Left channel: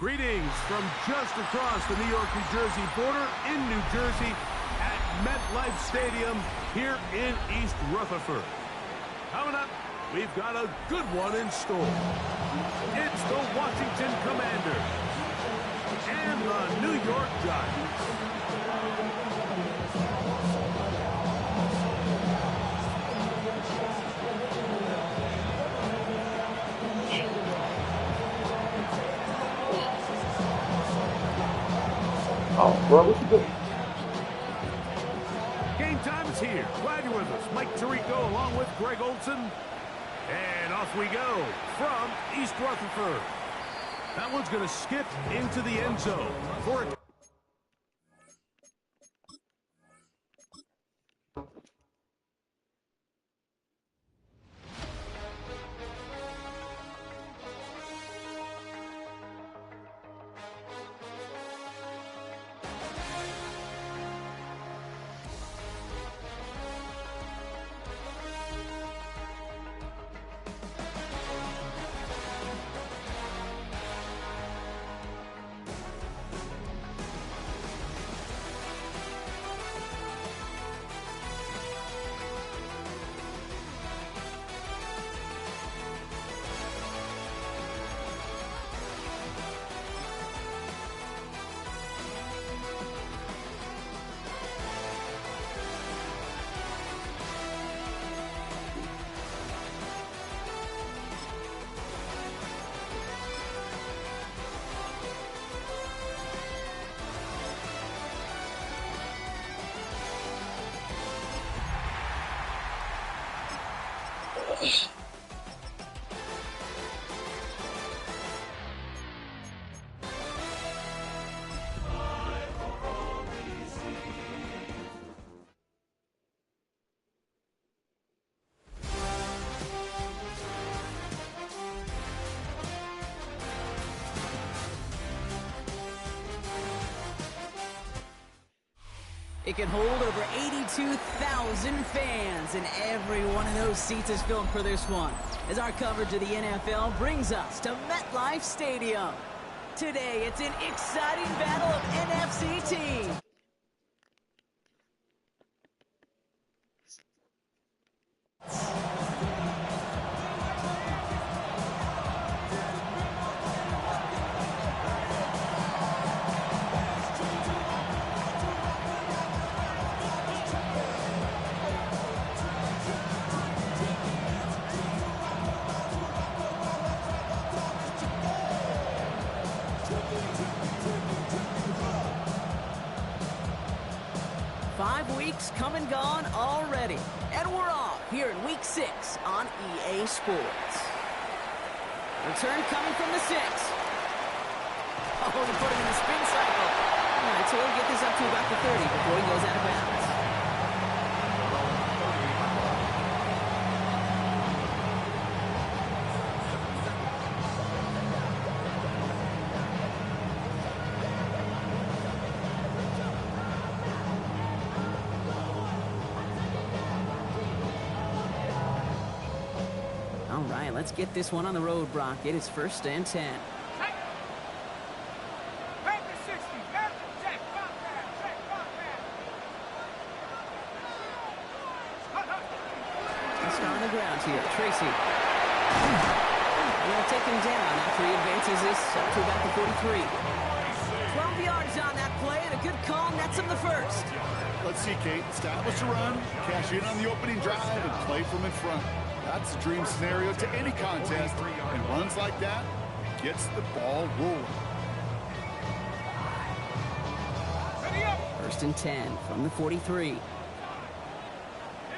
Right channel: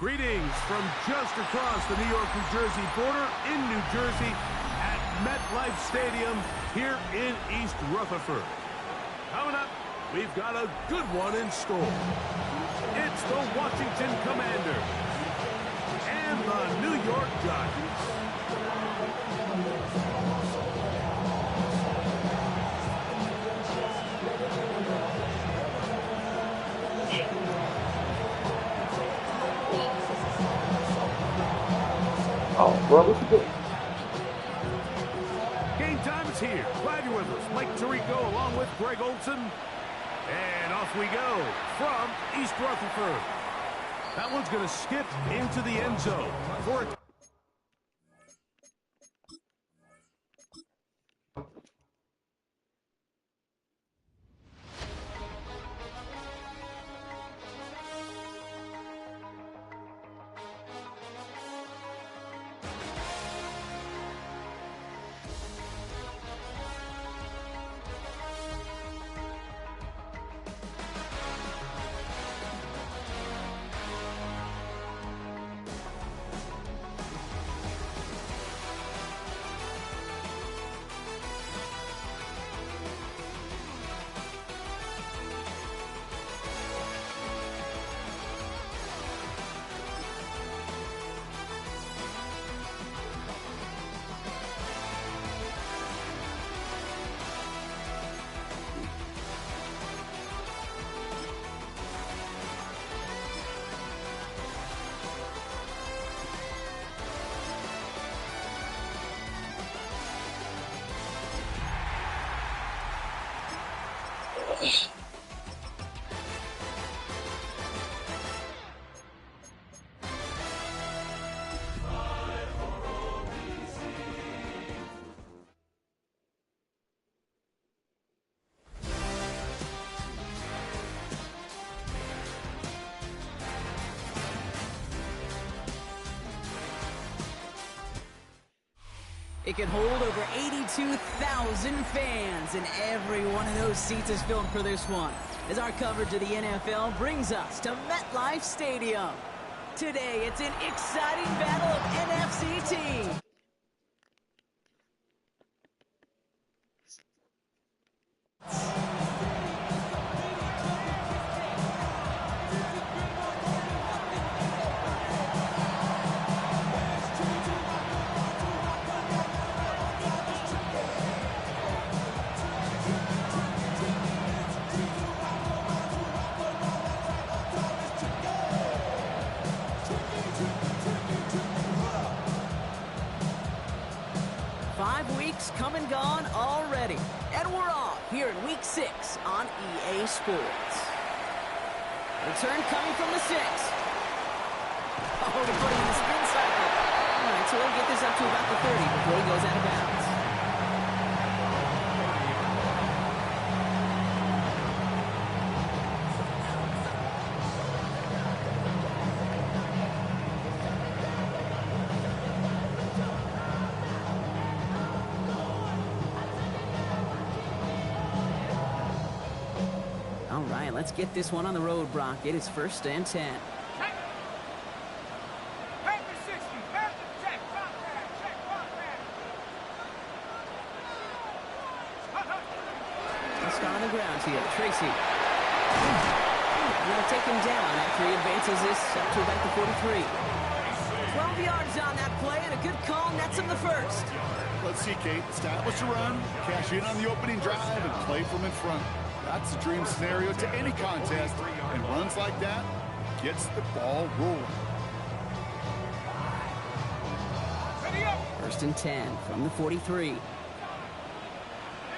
Greetings from just across the New York-New Jersey border in New Jersey at MetLife Stadium here in East Rutherford. Coming up, we've got a good one in store. It's the Washington Commanders and the New York Giants. Oh, bro, what you doing? Game time is here. Glad you're with us. Mike Tirico along with Greg Olson. And off we go from East Rutherford. That one's going to skip into the end zone for a It can hold over 82,000 fans, and every one of those seats is filled for this one, as our coverage of the NFL brings us to MetLife Stadium. Today, it's an exciting battle of NFC teams. Come and gone already, and we're off here in Week 6 on EA Sports. Return coming from the 6. Oh, to put him in the spin cycle. All right, so we'll get this up to about the 30 before he goes out of bounds. Let's get this one on the road, Brock. It is 1st and 10. Just on the ground here, Tracy. And they'll take him down after he advances this up to about the 43. 12 yards on that play, and a good call nets him the first. Let's see, Kate. Establish a run, cash in on the opening drive, and play from in front. That's the dream scenario to any contest, and runs like that gets the ball rolling. 1st and 10 from the 43. Here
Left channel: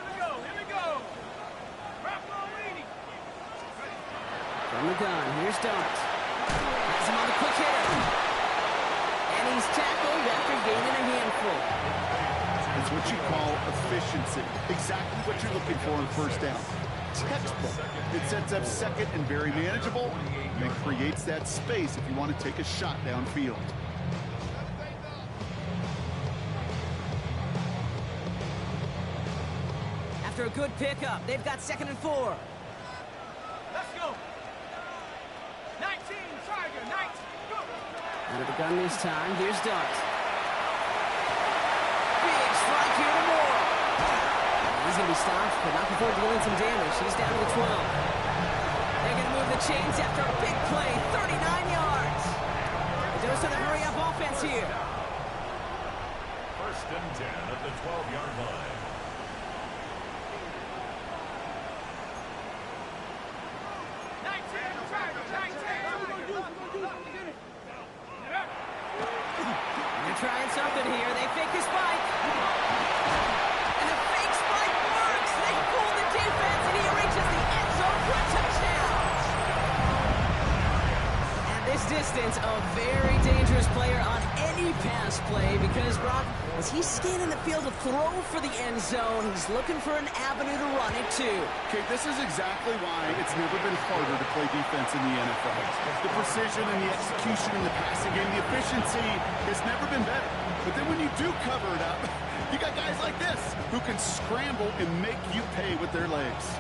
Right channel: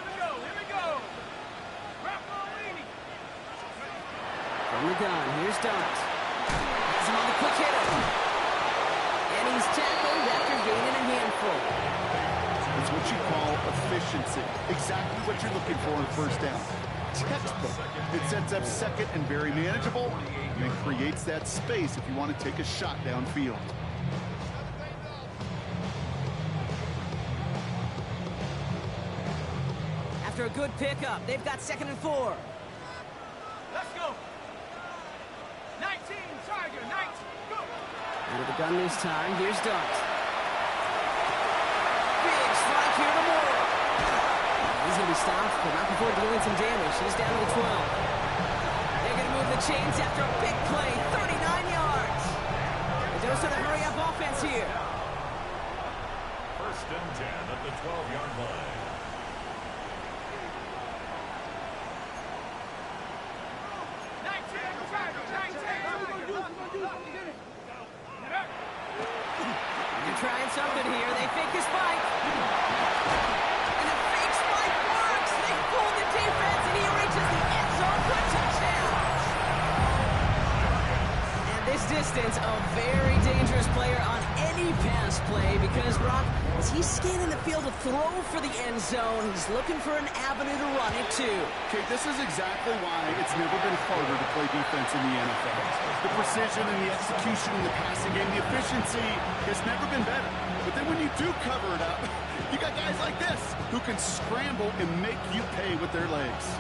we go. From the gun, here's Dart. Has him on the quick hitter. And he's tackled after gaining a handful. It's what you call efficiency. Exactly what you're looking for in 1st down. Textbook. It sets up 2nd and very manageable, and creates that space if you want to take a shot downfield. After a good pickup, they've got 2nd and 4. Let's go. 19, Tiger, 19, go. Out of the gun this time. Here's Dart. Big strike here to Moore. He's going to be stopped, but not before dealing some damage. He's down to the 12. They're going to move the chains after a big play. 39 yards. They do so to hurry up offense here. First and 10 at the 12-yard line. They're trying something here. They fake a spike. And the fake spike works. They fool the defense, and he reaches the end zone for a touchdown. And this distance, a very dangerous player on any pass play because, Brock, as he's scanning the field to throw for the end zone, he's looking for an avenue to run it to. Okay, this is exactly why it's never been harder to play defense in the NFL. The precision and the execution in the passing game, the efficiency has never been better. But then when you do cover it up, you got guys like this who can scramble and make you pay with their legs.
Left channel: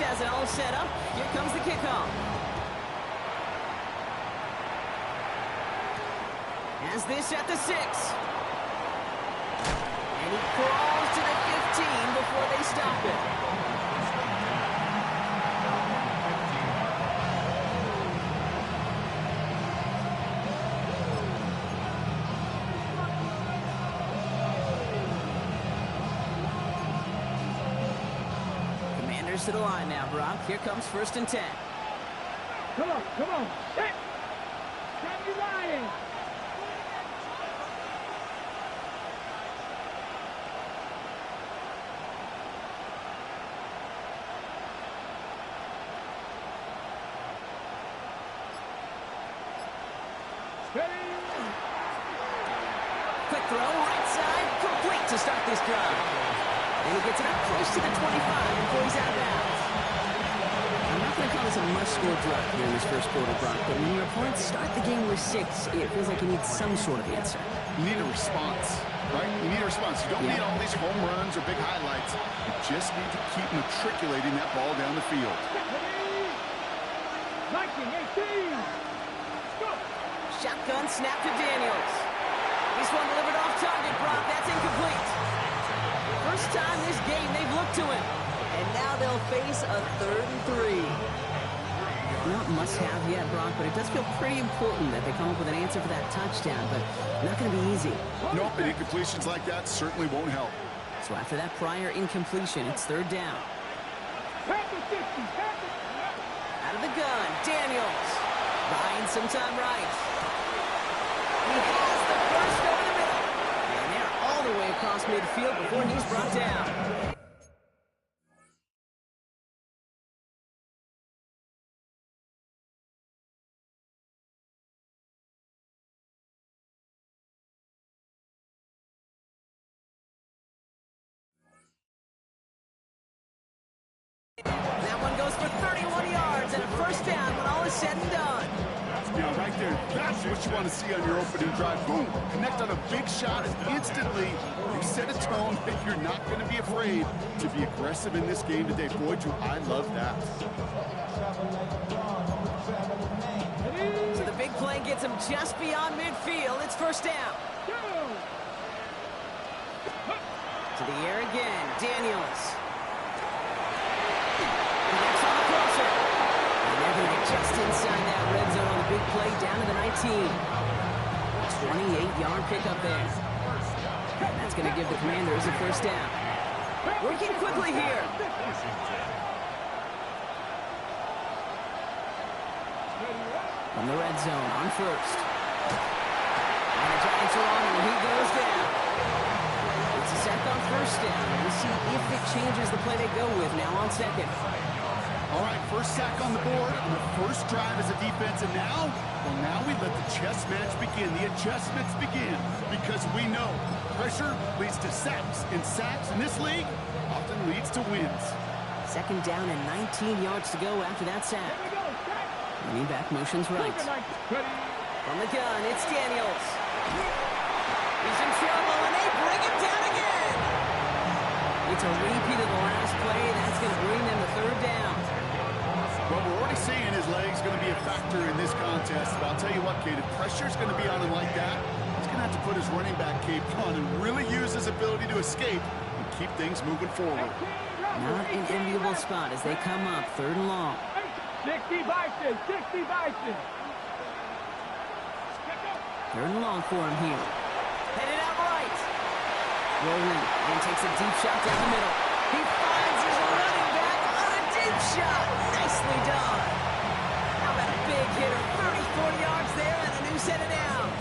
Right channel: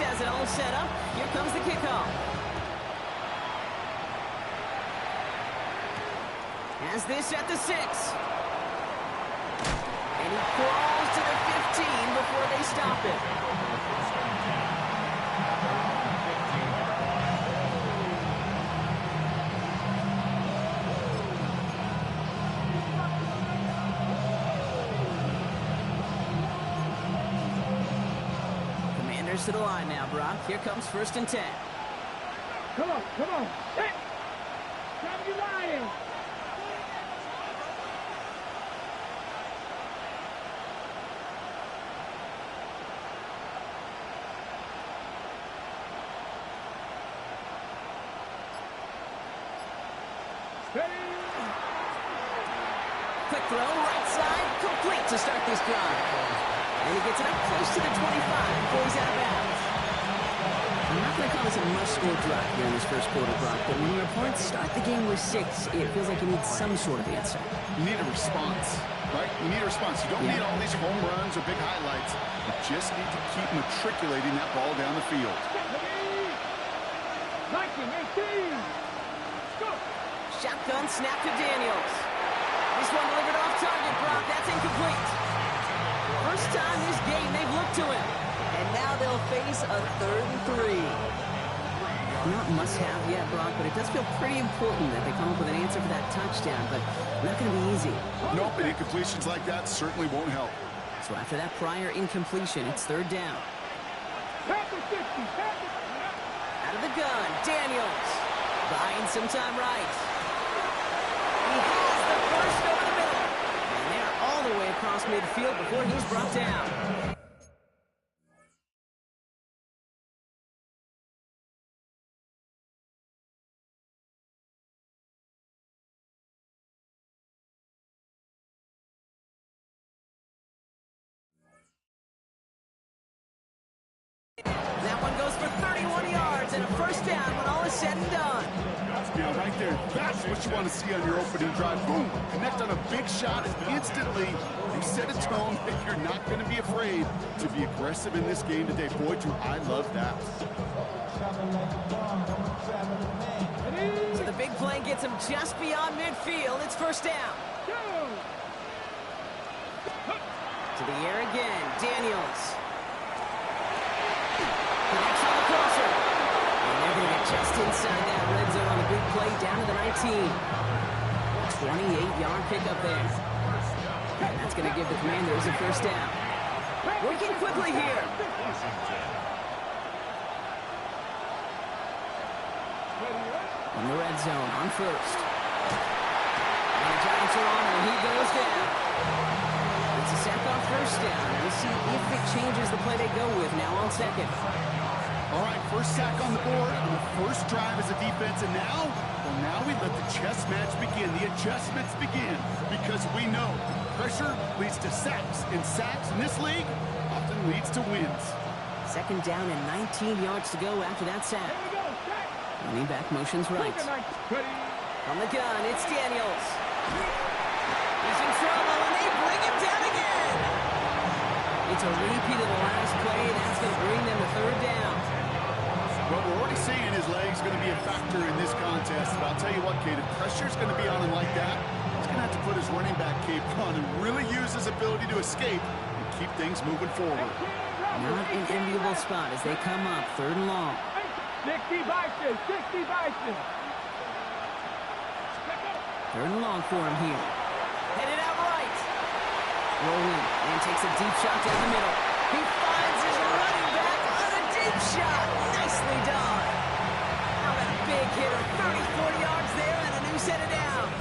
Has it all set up. Here comes the kickoff. Has this at the 6. And he crawls to the 15 before they stop it. To the line now, Brock. Here comes 1st and 10. Come on. Set. Grab your line. Steady. Quick throw, right side, complete to start this drive. And he gets it up close to the 25 before he's out of bounds. I'm not going to call this a must-score drive here in this first quarter, Brock, but when your opponents start the game with 6, it feels like you need some sort of answer. You need a response, right? You need a response. You don't need all these home runs or big highlights. You just need to keep matriculating that ball down the field. 19, 18. Go. Shotgun snap to Daniels. This one delivered off target, Brock. That's incomplete. First time this game they've looked to him. And now they'll face a 3rd and 3. Not must-have yet, Brock, but it does feel pretty important that they come up with an answer for that touchdown, but not going to be easy. Nope, and incompletions like that certainly won't help. So after that prior incompletion, it's 3rd down. Out of the gun, Daniels. Buying some time right. He has the first over the middle. And they're all the way across midfield before he's brought down. That one goes for 31 yards and a first down when all is said and done. Yeah, right there. That's what you want to see on your opening drive. Boom! Connect on a big shot, and instantly you set a tone that you're not going to be afraid to be aggressive in this game today. Boy, do I love that. So the big play gets him just beyond midfield. It's first down. To the air again. Daniels. Connects on the crosser. And they're going to get just inside that red zone on the big play down to the 19. 28-yard pickup there. And that's going to give the Commanders a first down. Working quickly here. From the red zone on first. And the Giants are on him, and he goes down. It's a sack on first down. We'll see if it changes the play they go with now on second. All right, first sack on the board on the first drive as a defense, and now, well, now we let the chess match begin. The adjustments begin because we know pressure leads to sacks, and sacks in this league often leads to wins. Second down and 19 yards to go after that sack. Running back motions right. From the gun, it's Daniels. He's in trouble, and they bring him down again. It's a repeat of the last play. That's going to bring them to third down. Well, we're already seeing his leg's going to be a factor in this contest. But I'll tell you what, Kate, if pressure's going to be on him like that, he's going to have to put his running back cape on and really use his ability to escape and keep things moving forward. Not an enviable spot as they come up third and long. 60 Bison, 60 Bison. Third and long for him here. Headed out right. Rolling and takes a deep shot down the middle. He finds his running back on a deep shot. Nicely done. How about a big hitter? 30, 40 yards there and a new set of downs.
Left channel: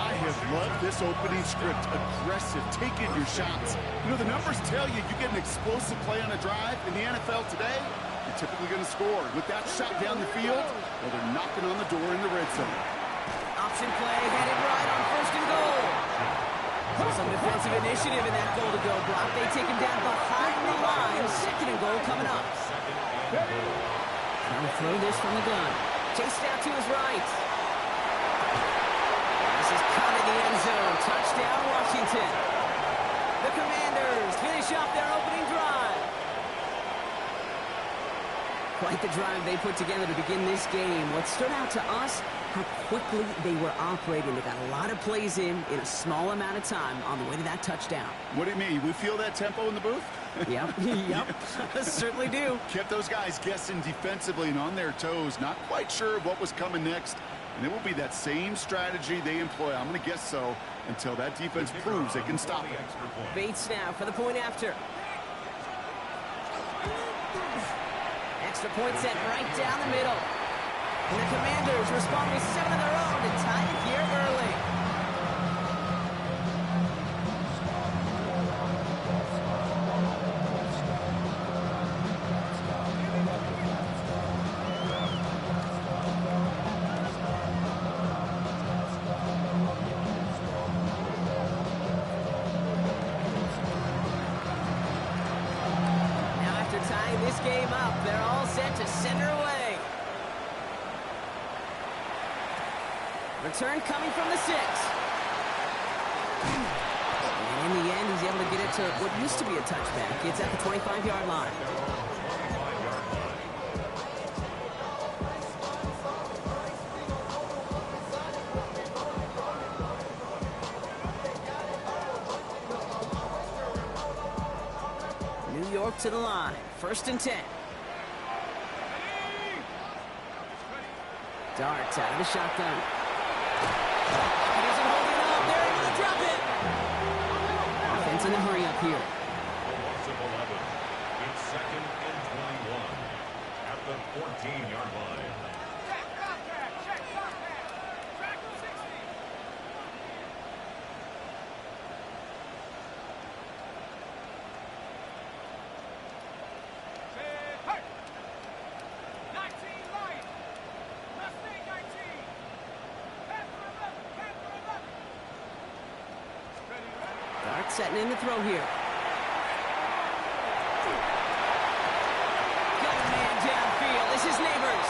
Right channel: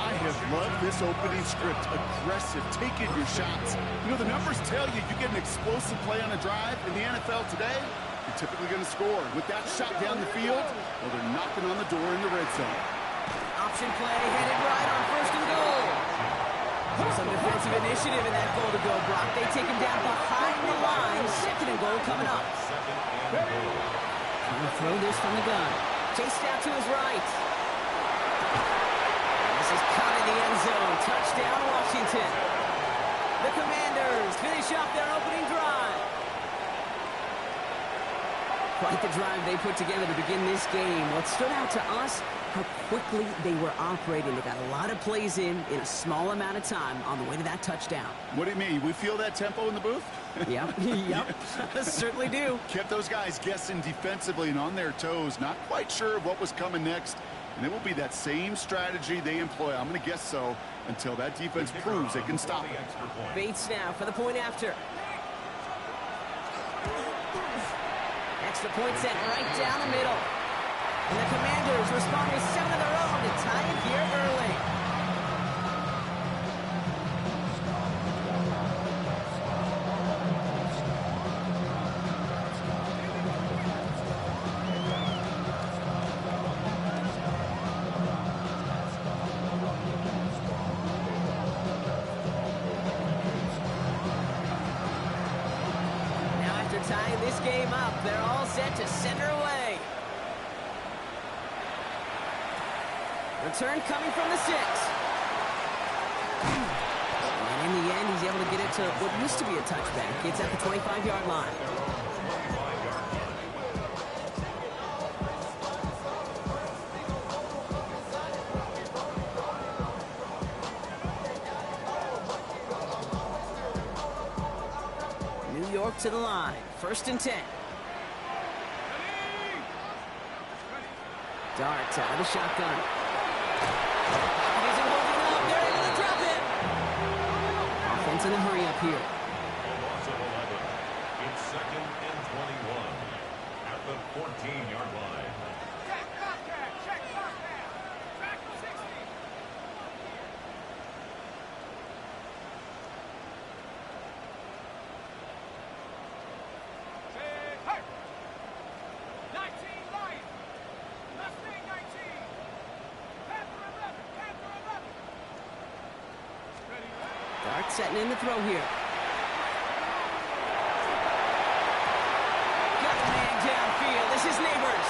I have loved this opening script. Aggressive, taking your shots. You know, the numbers tell you you get an explosive play on a drive. In the NFL today, you're typically going to score. With that shot down the field, well, they're knocking on the door in the red zone. Option play headed right on first and goal. Some defensive initiative in that goal to go, Brock. They take him down behind the line. Second and goal coming up. Trying to throw this from the gun. Chased out to his right. This is caught in the end zone. Touchdown, Washington. The Commanders finish off their opening drive. Quite the drive they put together to begin this game. What stood out to us, how quickly they were operating. They got a lot of plays in a small amount of time on the way to that touchdown. What do you mean? We feel that tempo in the booth? Yep, yep, certainly do. Kept those guys guessing defensively and on their toes, not quite sure of what was coming next. And it will be that same strategy they employ, I'm going to guess so, until that defense proves they can stop it. Bates now for the point after. Extra point set right down the middle. And the Commanders respond with 7 of their own to tie it here early. Now after tying this game up, they're all set to send her away. Return coming from the 6. And in the end, he's able to get it to what used to be a touchback. It's at the 25-yard line. New York to the line. First and 10. Dart out of the shotgun. And isn't holding up. They're able to drop it. Offense in a hurry up here. A loss of 11. It's second and 21 at the 14-yard line. Check Bobcat, check Bobcat. Track 60. Say, hey. 19 light. Mustang 19. Panther 11, Panther 11. Ready, ready. Dart setting in the throw here. Got a man downfield. This is Neighbors.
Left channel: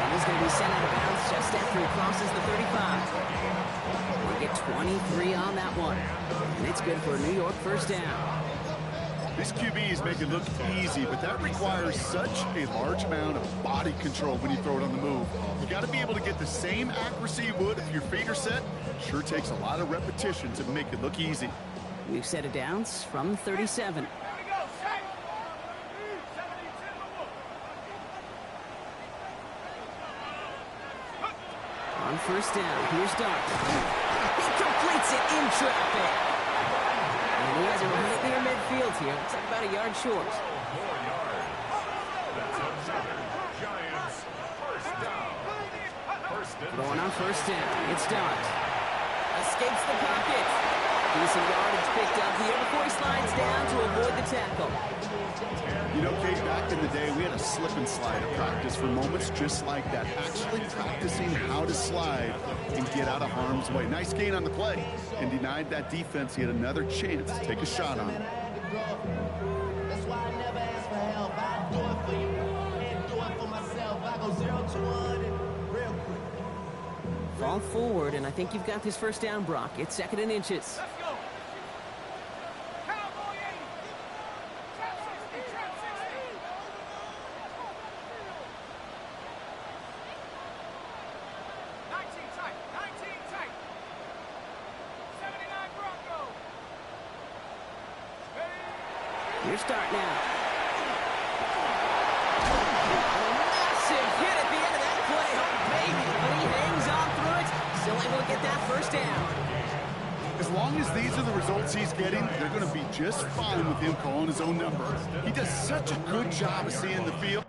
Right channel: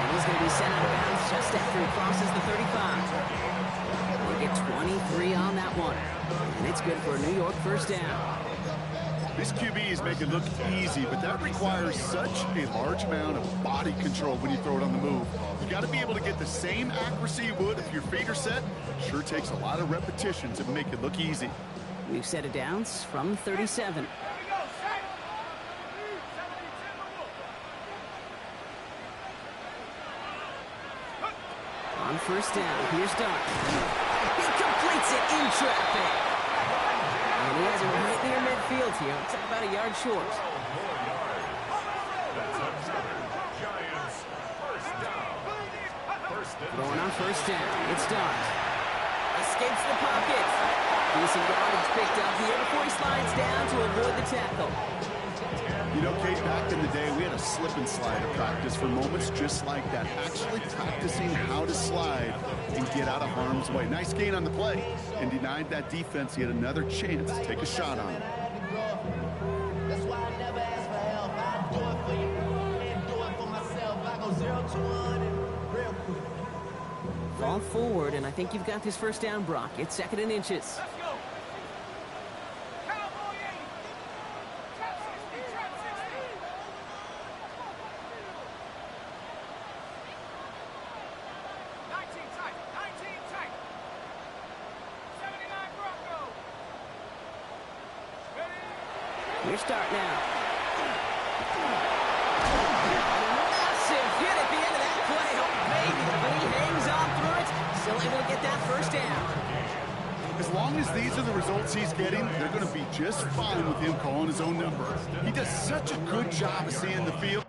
And he's going to be sent out of bounds just after he crosses the 35. They get 23 on that one. And it's good for a New York first down. These QBs make it look easy, but that requires such a large amount of body control when you throw it on the move. You got to be able to get the same accuracy you would if your feet are set. Sure takes a lot of repetitions to make it look easy. We've set a downs from 37. Here we go, set. 72 the Wolf. On first down, here's Dart. He completes it in traffic. And he has it right near midfield here. Looks like about a yard short. 12 more yards. That's another Giants first down. First and Going on first down, it's Dart. Escapes the pocket. Decent yardage picked up here before he slides down to avoid the tackle. You know, Kate, back in the day, we had a slip and slide at practice for moments just like that. Actually practicing how to slide and get out of harm's way. Nice gain on the play. And denied that defense yet another chance to take a shot on him. That's why I never ask for help. I do it for you and do it for myself. I go 0 to 100 real quick. Fall forward, and I think you've got this first down, Brock. It's 2nd and inches. Let's go. Cowboy 80. Trap 60. Trap 60. 19 tight. 19 tight. 79 Bronco. Ready? Your start now. Massive hit at the end of that play. Oh, baby. But he hangs on through it. Still able to get that first down. As long as these are the results he's getting, they're going to be just fine with him calling his own number. He does such a good job of seeing the field.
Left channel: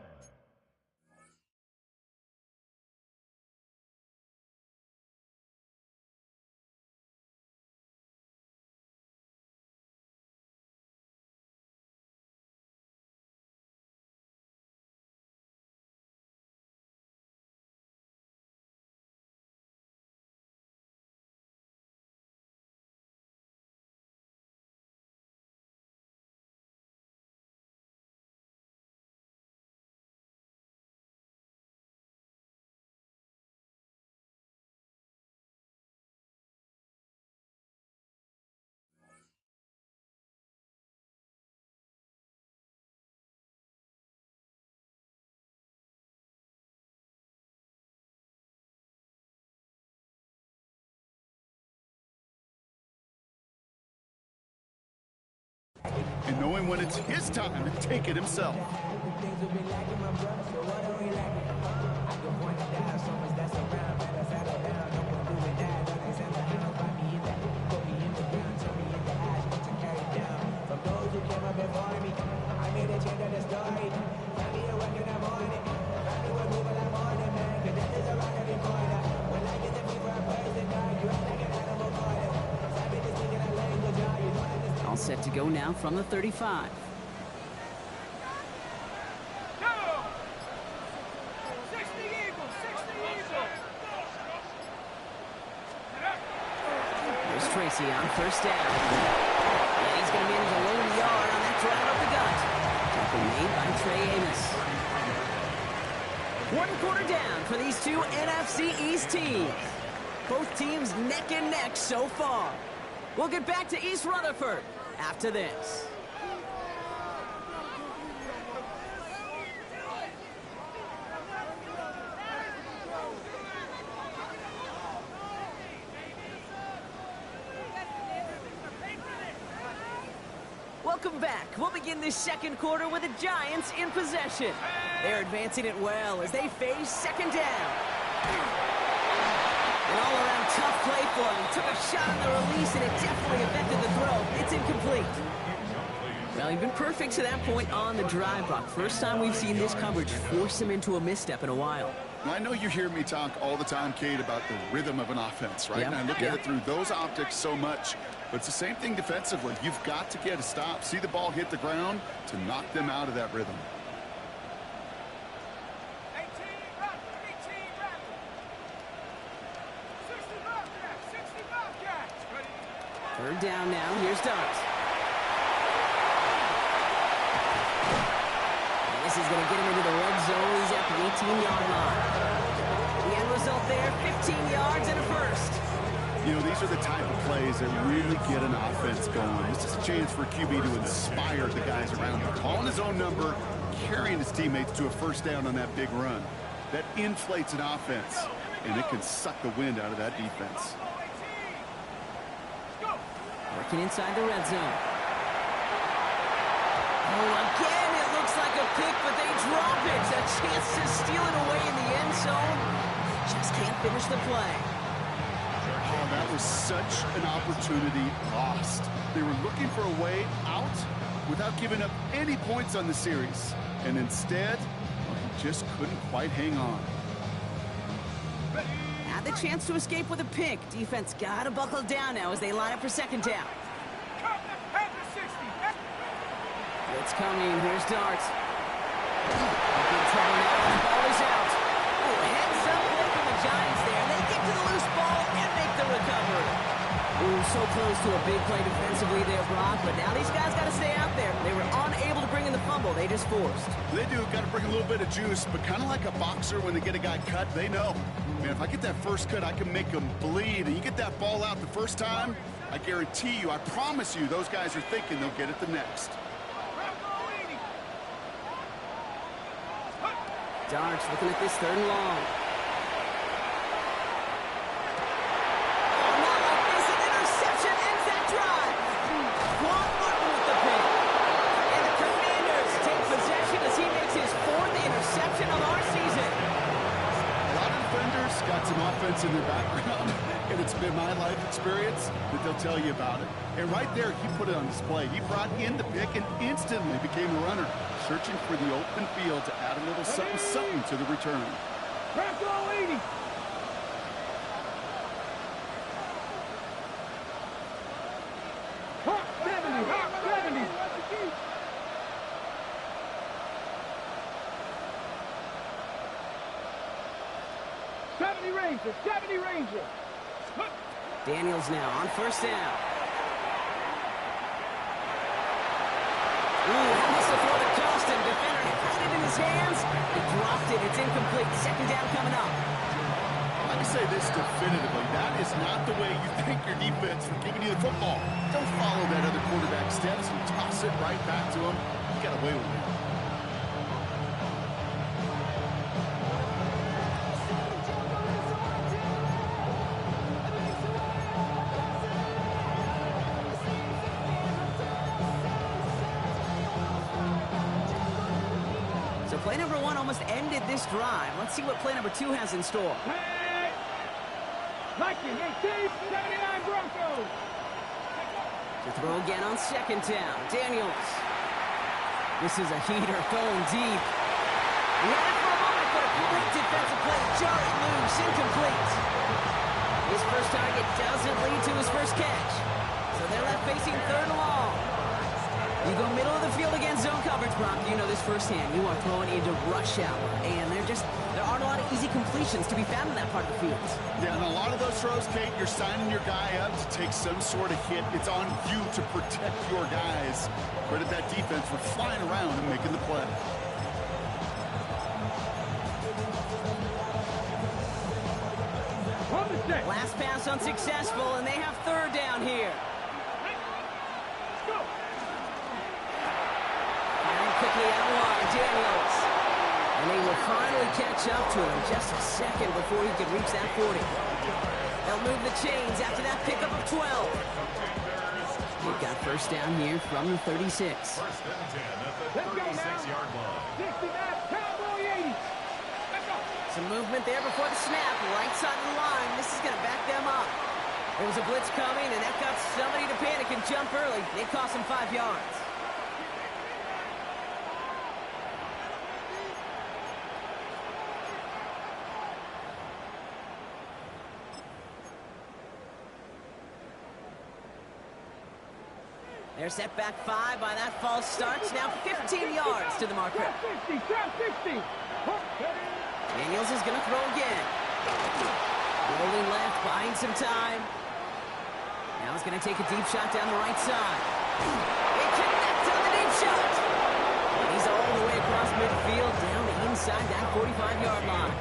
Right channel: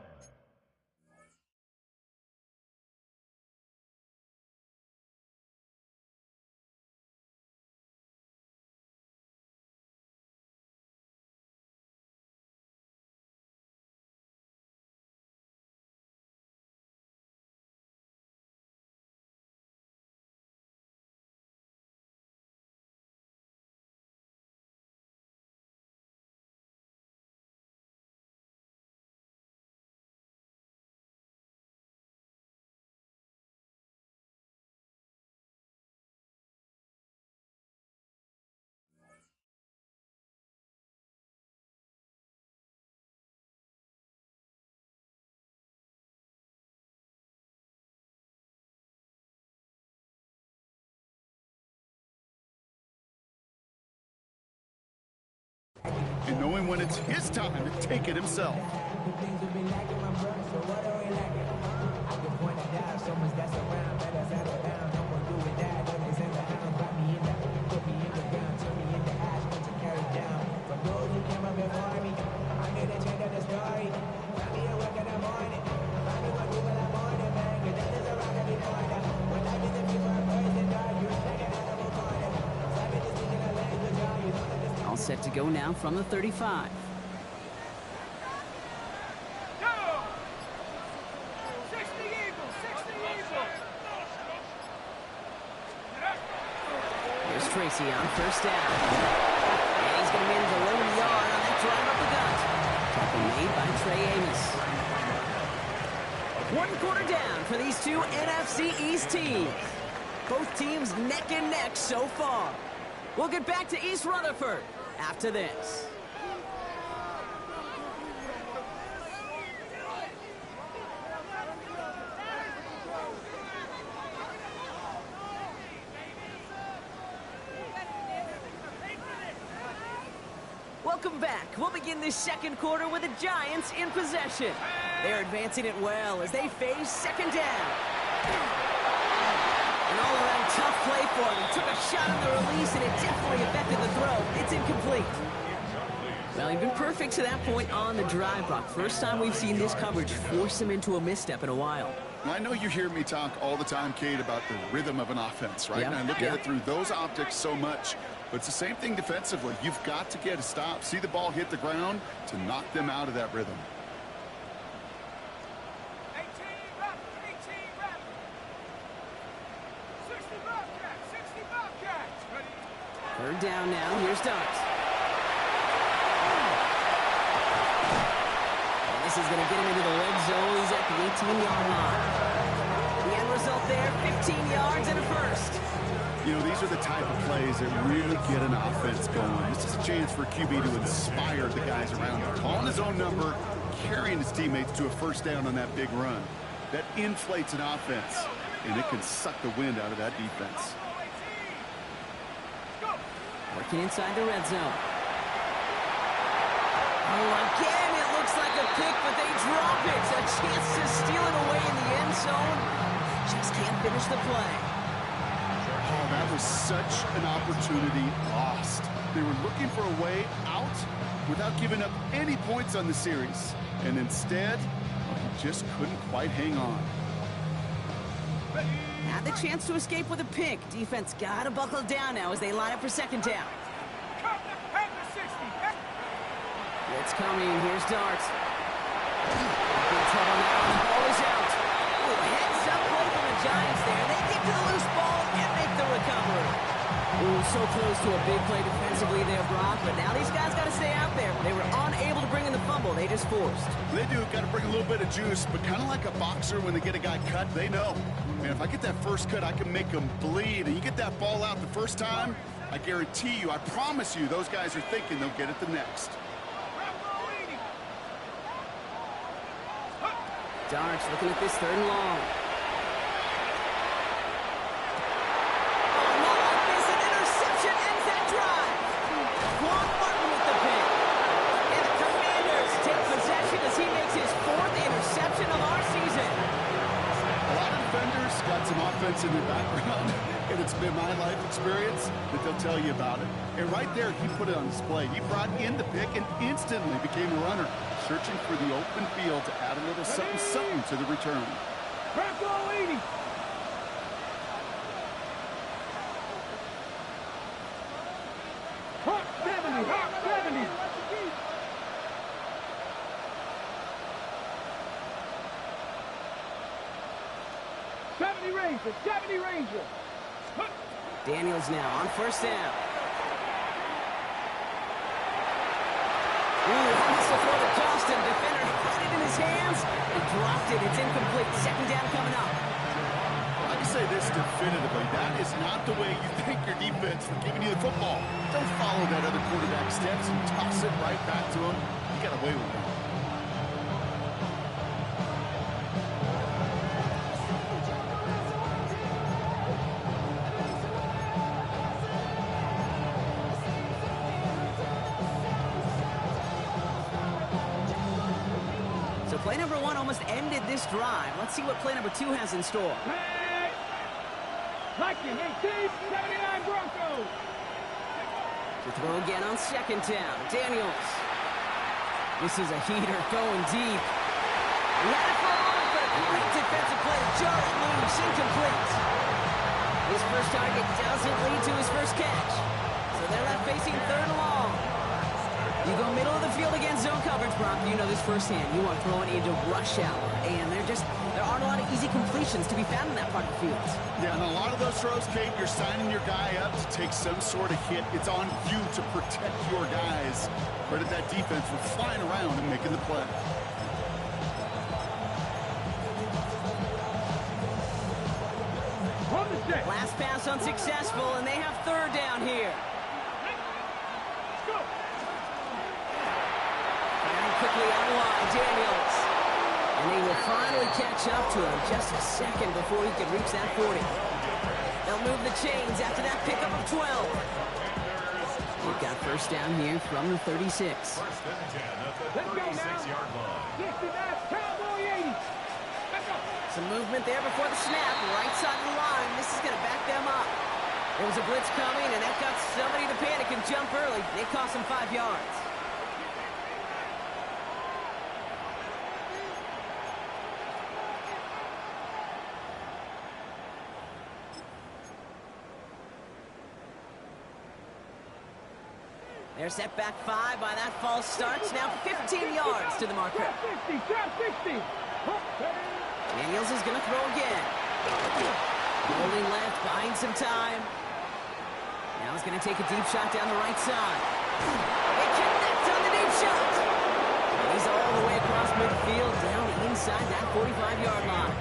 And knowing when it's his time to take it himself. All set to go now from the 35. Go! 60 Eagles. 60 Eagles. Here's Tracy on first down. And he's going to manage a low yard on that drive up the gut. Tackle made by Trey Amos. 1 quarter down for these two NFC East teams. Both teams neck and neck so far. We'll get back to East Rutherford after this. Welcome back. We'll begin this second quarter with the Giants in possession. They're advancing it well as they face second down. An all-around tough play for him. He took a shot on the release, and it definitely affected the throw. It's incomplete. Well, he's been perfect to that point on the drive, Brock. First time we've seen this coverage force him into a misstep in a while. I know you hear me talk all the time, Kate, about the rhythm of an offense, right? Yep. And I look at it through those optics so much. But it's the same thing defensively. You've got to get a stop, see the ball hit the ground to knock them out of that rhythm. 18 Rattler. 18 Rattler. 60 Bobcats. 60 Bobcats. Ready? Third down now. Here's Dart. And this is going to get him into the red zone. He's at the 18-yard line. The end result there, 15 yards and a first. You know, these are the type of plays that really get an offense going. This is a chance for a QB to inspire the guys around him. Calling his own number, carrying his teammates to a first down on that big run. That inflates an offense, and it can suck the wind out of that defense. Working inside the red zone. Oh, again, it looks like a pick, but they drop it. A chance to steal it away in the end zone. Just can't finish the play. Oh, that was such an opportunity lost. They were looking for a way out without giving up any points on the series. And instead, well, he just couldn't quite hang on. Had the chance to escape with a pick. Defense got to buckle down now as they line up for second down. It's coming. Here's Dart. In trouble now, and the ball is out. Ooh, heads up play from the Giants there. They get to the loose ball and make the recovery. Ooh, so close to a big play defensively there, Brock, but now these guys got to stay out there. They were unable to bring in the fumble. They just forced. They do. Got to bring a little bit of juice, but kind of like a boxer when they get a guy cut, they know. Man, if I get that first cut, I can make them bleed. And you get that ball out the first time, I guarantee you, I promise you, those guys are thinking they'll get it the next. Darks looking at this 3rd and long. Ends that drive. Quan Martin with the pick. And the Commanders take possession as he makes his 4th interception of our season. A lot of defenders got some offense in their background, and it's been my life experience that they'll tell you about it. And right there, he put it on display. He brought in the pick and instantly became a runner, searching for the open field to add a little something to the return. Bronco 80. Hawk 70. Hawk 70. Ranger. 70 Ranger. Daniels now on 1st down. Ooh, almost a throw to Johnston. Defender had it in his hands. He dropped it. It's incomplete. 2nd down coming up. I can say this definitively. That is not the way you thank your defense for giving you the football. Don't follow that other quarterback steps and toss it right back to him. You got away with it. So play number 1 almost ended this drive. Let's see what play number 2 has in store. Hey! Lightning 18, 79 Broncos. To throw again on 2nd down. Daniels. This is a heater going deep. He had it for a moment, but a great defensive play to jar it loose. Incomplete. His first target doesn't lead to his first catch. So they're left facing 3rd and long. You go middle of the field against zone coverage, Brock. You know this firsthand. You are throwing into rush hour, and there aren't a lot of easy completions to be found in that part of the field. Yeah, and a lot of those throws, Kate, you're signing your guy up to take some sort of hit. It's on you to protect your guys. Credit that defense for flying around and making the play. Last pass unsuccessful, and they have 3rd down here. Let's go. Firing quickly out wide, Daniels. And they will finally catch up to him just a second before he could reach that 40. They'll move the chains after that pickup of 12. They've got 1st down here from the 36. 1st and 10 at the 36-yard line. 69 Cowboy 80. Let's go. Some movement there before the snap, right side of the line. This is going to back them up. There was a blitz coming, and that got somebody to panic and jump early. It cost them 5 yards. They're set back 5 by that false start. Now 15 yards to the marker. Trap 60. Trap 60. Daniels is going to throw again. Holding left, buying some time. Now he's going to take a deep shot down the right side. They connect on the deep shot. And he's all the way across midfield, down inside that 45-yard line.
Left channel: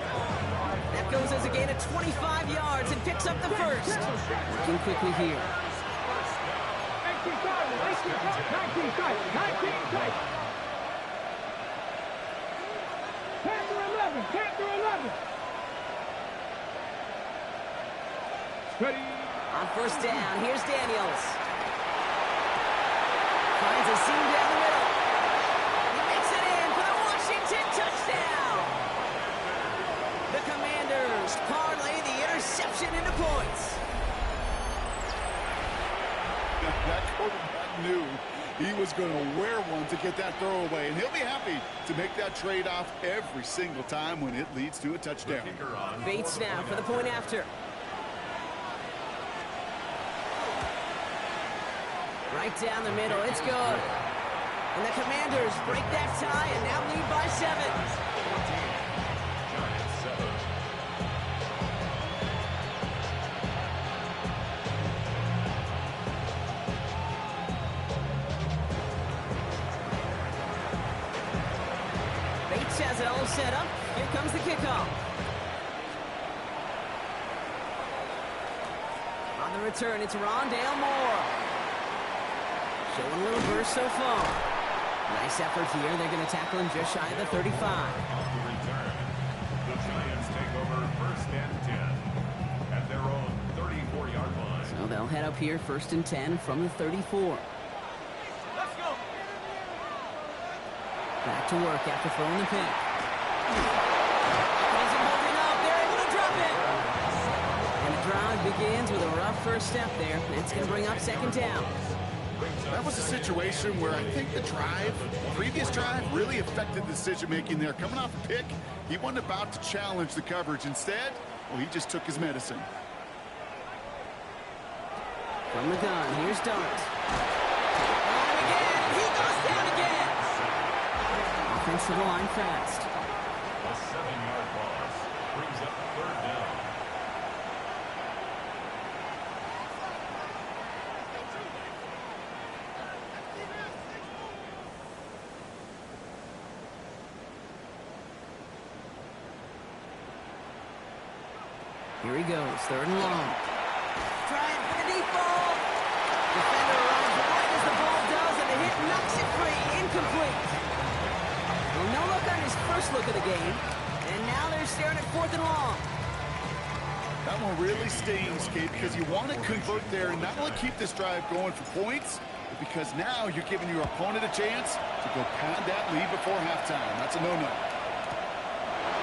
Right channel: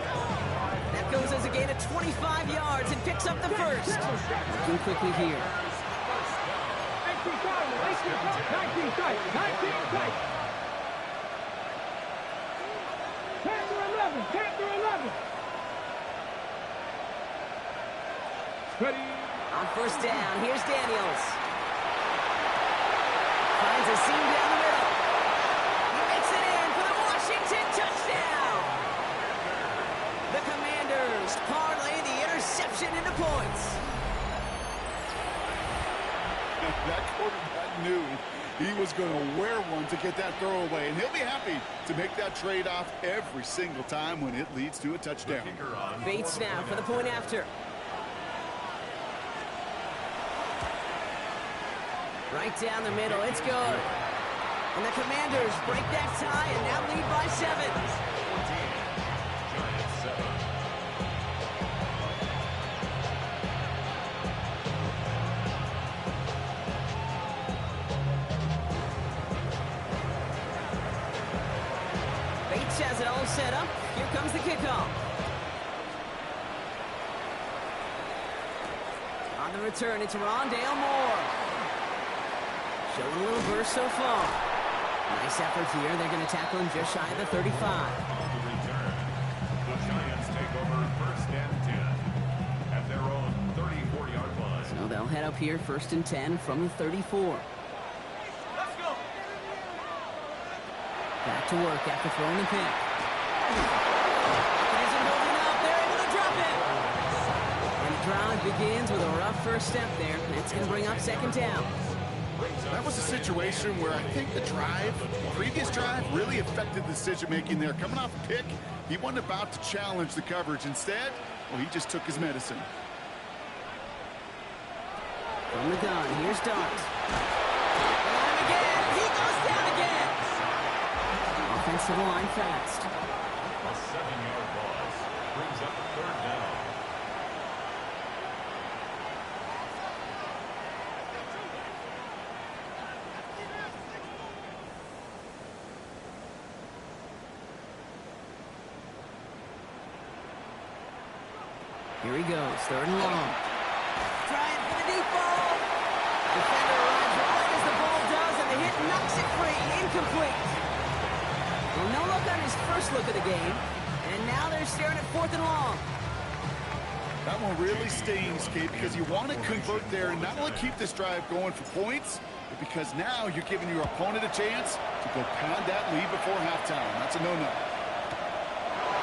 That goes as a gain of 25 yards and picks up the first. Working quickly here. 19 tight. 19 tight. Panther 11. Ready. On 1st down, here's Daniels. Finds a seam down the middle. He makes it in for the Washington touchdown. The Commanders parlay the interception into points. That quarterback knew he was going to wear one to get that throw away, and he'll be happy to make that trade-off every single time when it leads to a touchdown. Bates now for the point after. Right down the middle, it's good. And the Commanders break that tie and now lead by 7. 14, Giants 7. 26 has it all set up. Here comes the kickoff. On the return, it's Rondale Moore. Showing a little burst so far. Nice effort here. They're going to tackle him just shy of the 35. On the return, the Giants take over 1st and 10 at their own 34-yard line. So they'll head up here 1st and 10 from the 34. Let's go. Back to work after throwing the pick. It isn't holding up. They're able to drop it. And the drive begins with a rough first step there. That's going to bring up 2nd down. That was a situation where I think the previous drive, really affected the decision-making there. Coming off a pick, he wasn't about to challenge the coverage. Instead, well, he just took his medicine. From the gun, here's Dart. On him again, and he goes down again. Offense to the line fast. A 7-yard loss brings up 3rd down. Here he goes, 3rd and long. Trying for the deep ball. Defender arrives right as the ball does, and the hit knocks it free. Incomplete. Well, no look on his first look of the game, and now they're staring at 4th and long. That one really stings, Kate, because you want to convert there and not only keep this drive going for points, but because now you're giving your opponent a chance to go pad that lead before halftime. That's a no-no.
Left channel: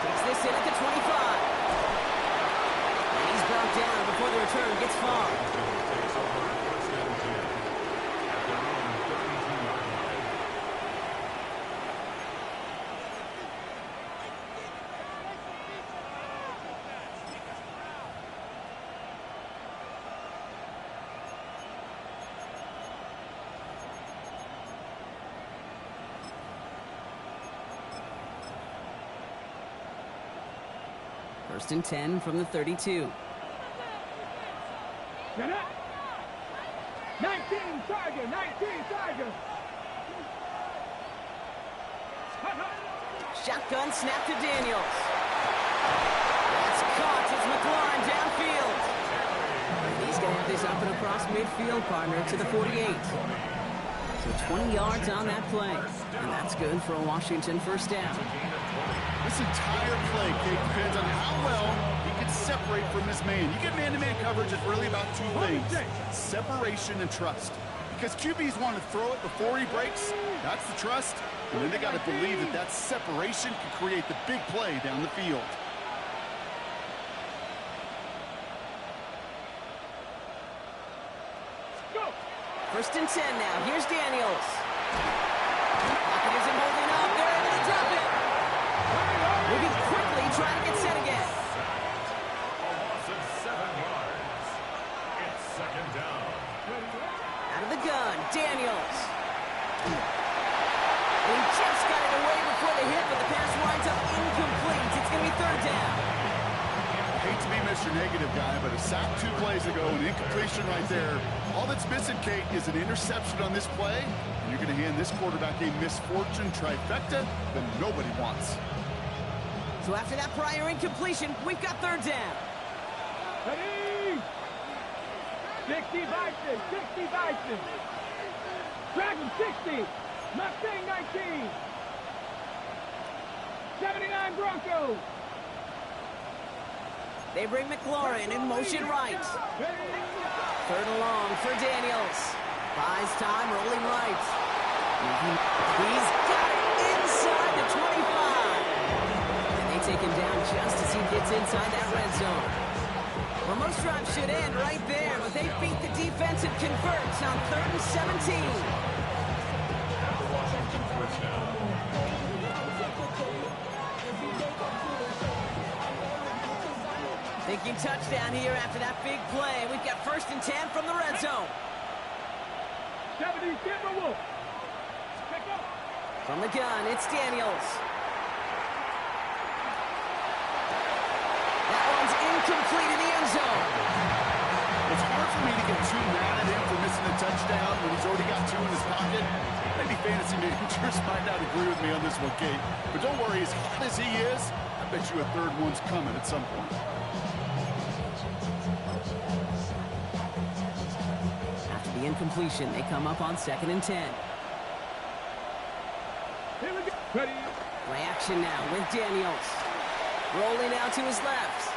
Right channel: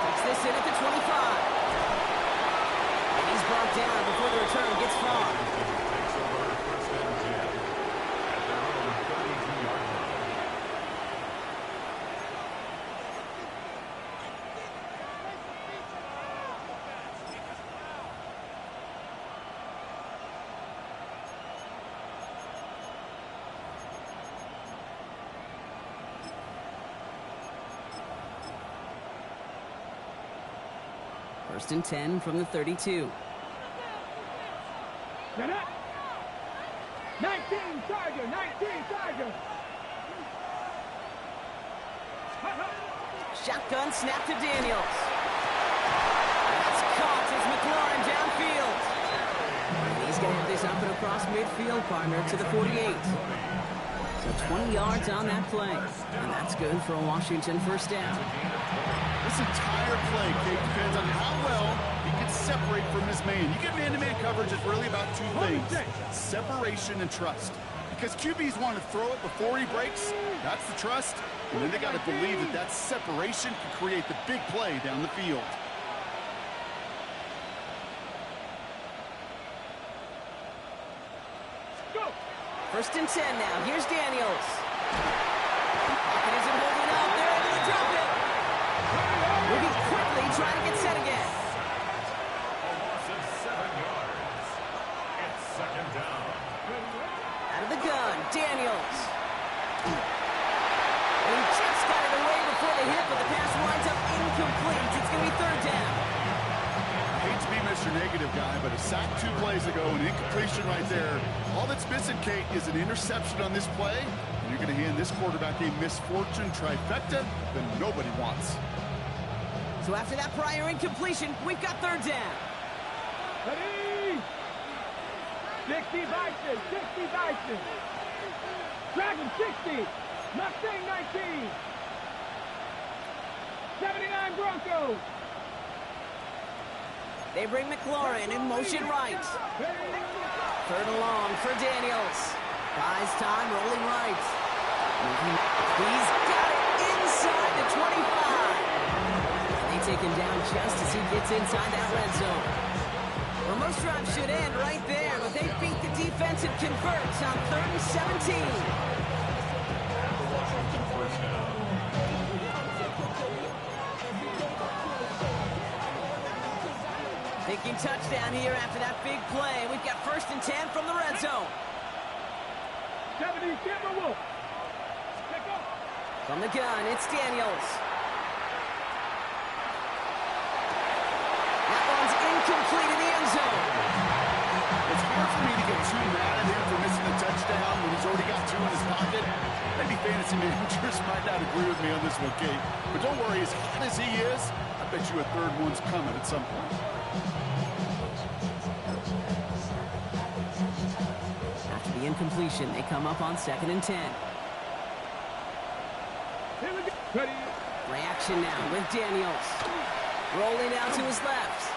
Takes this in at the 25. And he's brought down before the return gets far. Takes over 1st and 10 at their own 32-yard line. First and 10 from the 32. Set up. 19 Tiger, 19 Tiger. Shotgun snap to Daniels. That's caught. It's McLaurin downfield. And he's going to have this up and across midfield, partner, to the 48. So 20 yards on that play. And that's good for a Washington 1st down. This entire play, Kate, depends on how well he can separate from his man. You get man-to-man coverage, it's really about 2 things: separation and trust. Because QBs want to throw it before he breaks, that's the trust. And then they got to believe that that separation can create the big play down the field. Go. 1st and 10 now. Here's Daniels. Pocket isn't holding up. They're able to drop it. Moving quickly, trying to get set again. A loss of 7 yards. It's 2nd down. Out of the gun, Daniels. And he just got it away before the hit, but the pass winds up incomplete. It's going to be 3rd down. I hate to be Mr. Negative guy, but a sack 2 plays ago, an incompletion right there. All that's missing, Kate, is an interception on this play, and you're going to hand this quarterback a misfortune trifecta that nobody wants. So after that prior incompletion, we've got 3rd down. Ready. 60 Bison, 60 Bison. Dragon 60. Mustang 19. 79 Broncos. They bring McLaurin in motion right. 3rd and long for Daniels. Buys time, rolling right. He's got it inside the 25. And they take him down just as he gets inside that red zone. Well, most drives should end right there, but they beat the defense and convert on 3rd and 17. At the Washington 1st down. Thinking touchdown here after that big play. We've got 1st and 10 from the red zone. 70 Timberwolves. Pick up. From the gun, it's Daniels. That one's incomplete in the end zone. It's hard for me to get too mad at him for missing a touchdown when he's already got 2 in his pocket. Maybe fantasy managers might not agree with me on this one, Kate. But don't worry, as hot as he is, I bet you a third one's coming at some point. After the incompletion, they come up on 2nd and 10. Here we go. Ready. Play action now with Daniels. Rolling out to his left.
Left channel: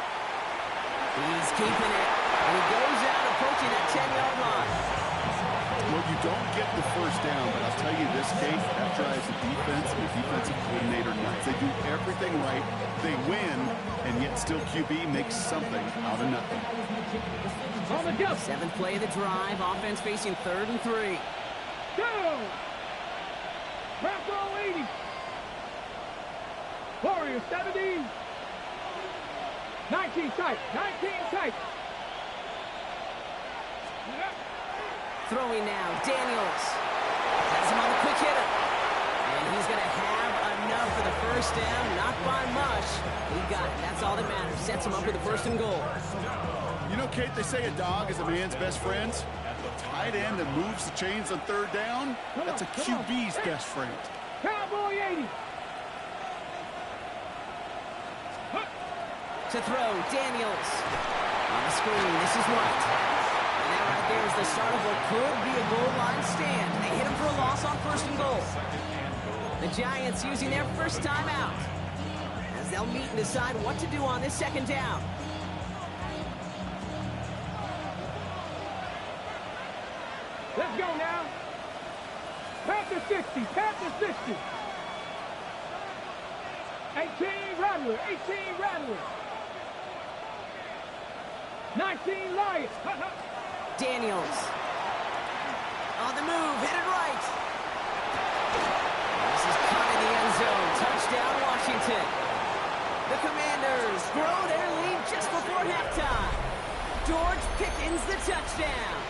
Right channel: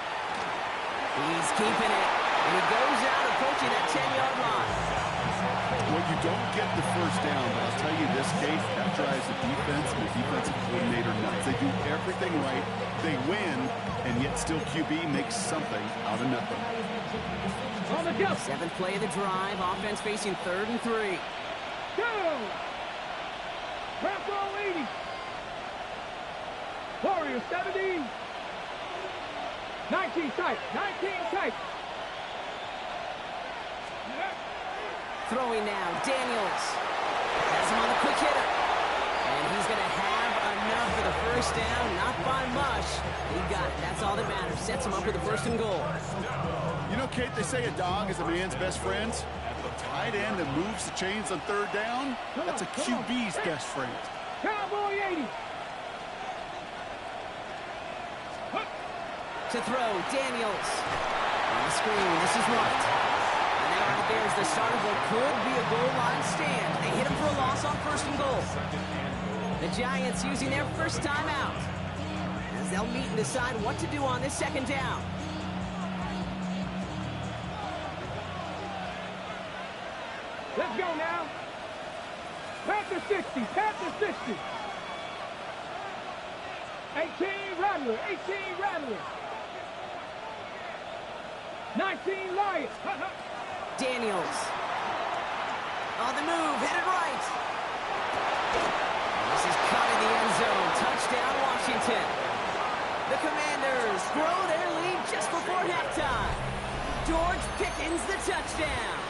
He's keeping it. And he goes out approaching that 10-yard line. Well, you don't get the first down, but I'll tell you this, Kate, that drives the defense and the defensive coordinator nuts. They do everything right. They win, and yet still QB makes something out of nothing. On the go. 7th play of the drive. Offense facing 3rd and 3. Go. Wrap roll 80. Warriors 70. 19 tight. 19 tight. Throwing now, Daniels. Has him on the quick hitter. And he's going to have enough for the first down. Not by much. He got it. That's all that matters. Sets him up with a 1st and goal. You know, Kate, they say a dog is a man's best friend. The tight end that moves the chains on 3rd down, that's a QB's best friend. Cowboy 80. To throw, Daniels. On the screen, this is White. And that right there is the start of what could be a goal line stand. They hit him for a loss on 1st and goal. The Giants using their first time out, as they'll meet and decide what to do on this 2nd down. Let's go now. Panther 60. Panther 60. 18 Rattler. 18 Rattler. 19 Lions. Daniels. On the move, headed right. This is caught in the end zone. Touchdown, Washington. The Commanders grow their lead just before halftime. George Pickens, the touchdown.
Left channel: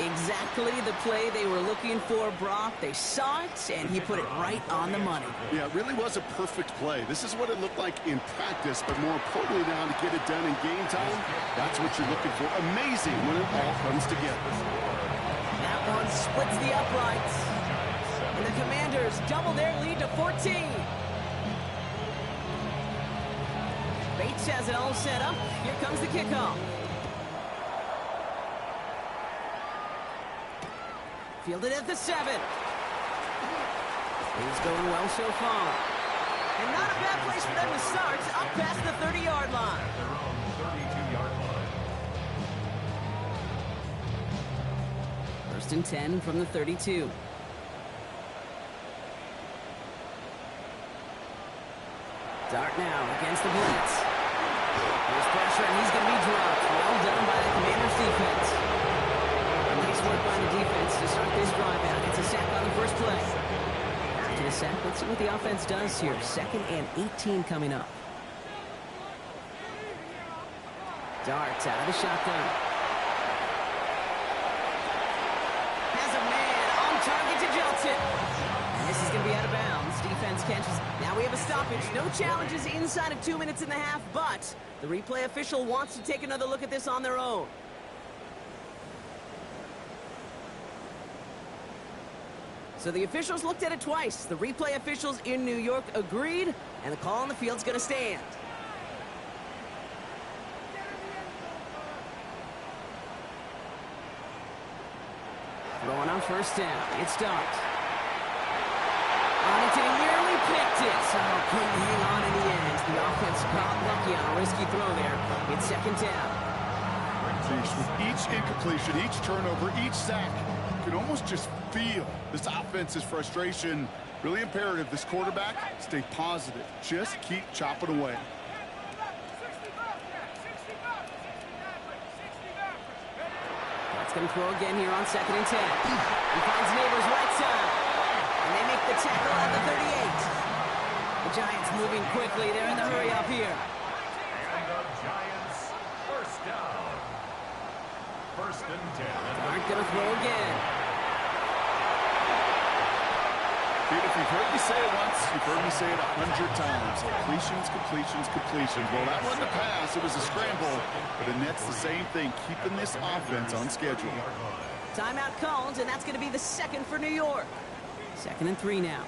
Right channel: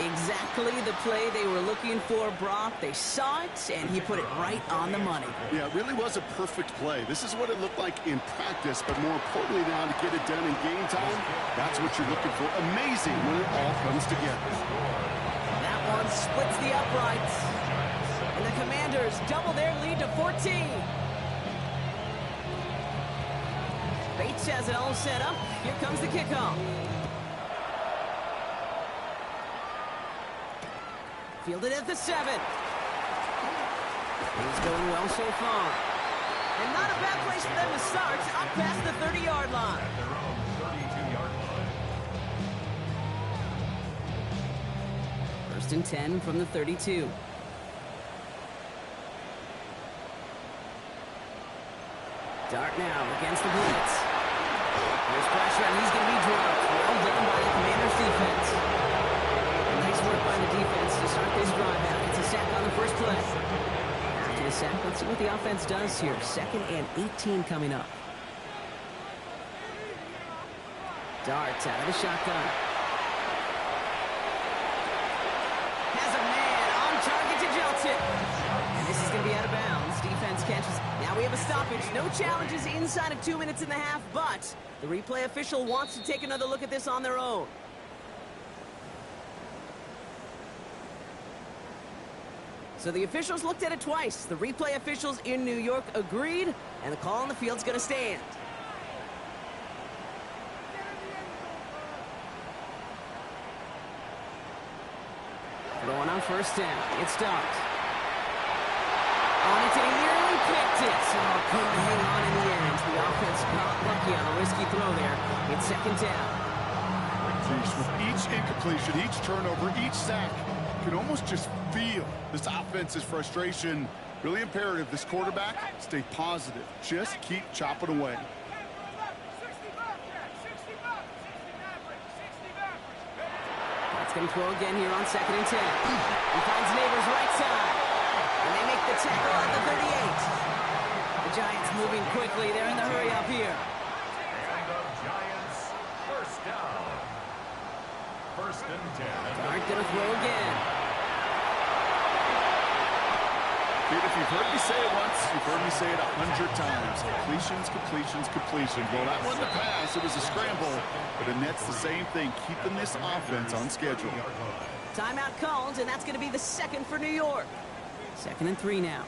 Exactly the play they were looking for, Brock. They saw it, and he put it right on the money. Yeah, it really was a perfect play. This is what it looked like in practice, but more importantly now to get it done in game time, that's what you're looking for. Amazing when it all comes together. That one splits the uprights. And the Commanders double their lead to 14. Bates has it all set up. Here comes the kickoff. Fielded at the 7. Things going well so far. And not a bad place for them to start, up past the 30-yard line. At their own 32-yard line. 1st and 10 from the 32. Dart now against the blitz. Here's pressure, and he's going to be dropped. Well done by the Commanders' defense. Nice work by the defense to start this drive out. It's a sack on the first play. After the sack, let's see what the offense does here. 2nd and 18 coming up. Darts out of the shotgun. Has a man on target to Johnson. And this is going to be out of bounds. Defense catches. Now we have a stoppage. No challenges inside of 2 minutes and a half, but the replay official wants to take another look at this on their own. So the officials looked at it twice. The replay officials in New York agreed, and the call on the field's going to stand. Throwing on 1st down. It's Dart. On it, and he nearly picked it. Oh, couldn't hang on in the end. The offense got lucky on a risky throw there. It's 2nd down. With each incompletion, each turnover, each sack, you can almost just feel this offense's frustration. Really imperative, this quarterback, stay positive. Just keep chopping away. That's going to throw again here on 2nd and 10. He finds Neighbors right side. And they make the tackle at the 38. The Giants moving quickly. They're in the hurry up here. And the Giants, 1st down. 1st and 10. Dart going to throw again. Kid, if you've heard me say it once, you've heard me say it 100 times. Completions, completions, completions. Well, that wasn't a pass. It was a scramble. But Annette's the same thing, keeping this offense on schedule. Timeout called, and that's going to be the second for New York. 2nd and 3 now.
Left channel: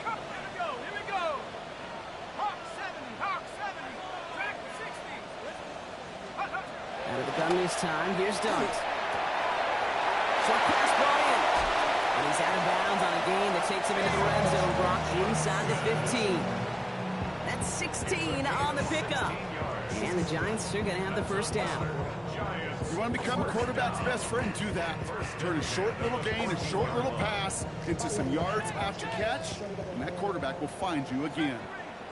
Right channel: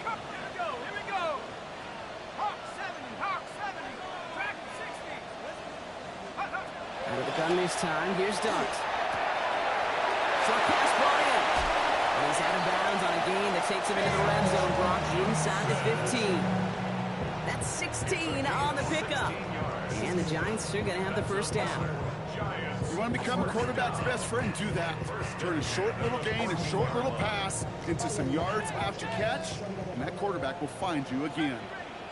Here we go. Hawk 70, Hawk 70, track 60. Out of the gun this time. Here's Dart. Short pass brought in. And he's out of bounds on a gain that takes him into the red zone. Brock inside the 15. That's 16 on the pickup. And the Giants are going to have the first down. You want to become a quarterback's best friend, do that. Turn a short little gain, a short little pass into some yards after catch, and that quarterback will find you again.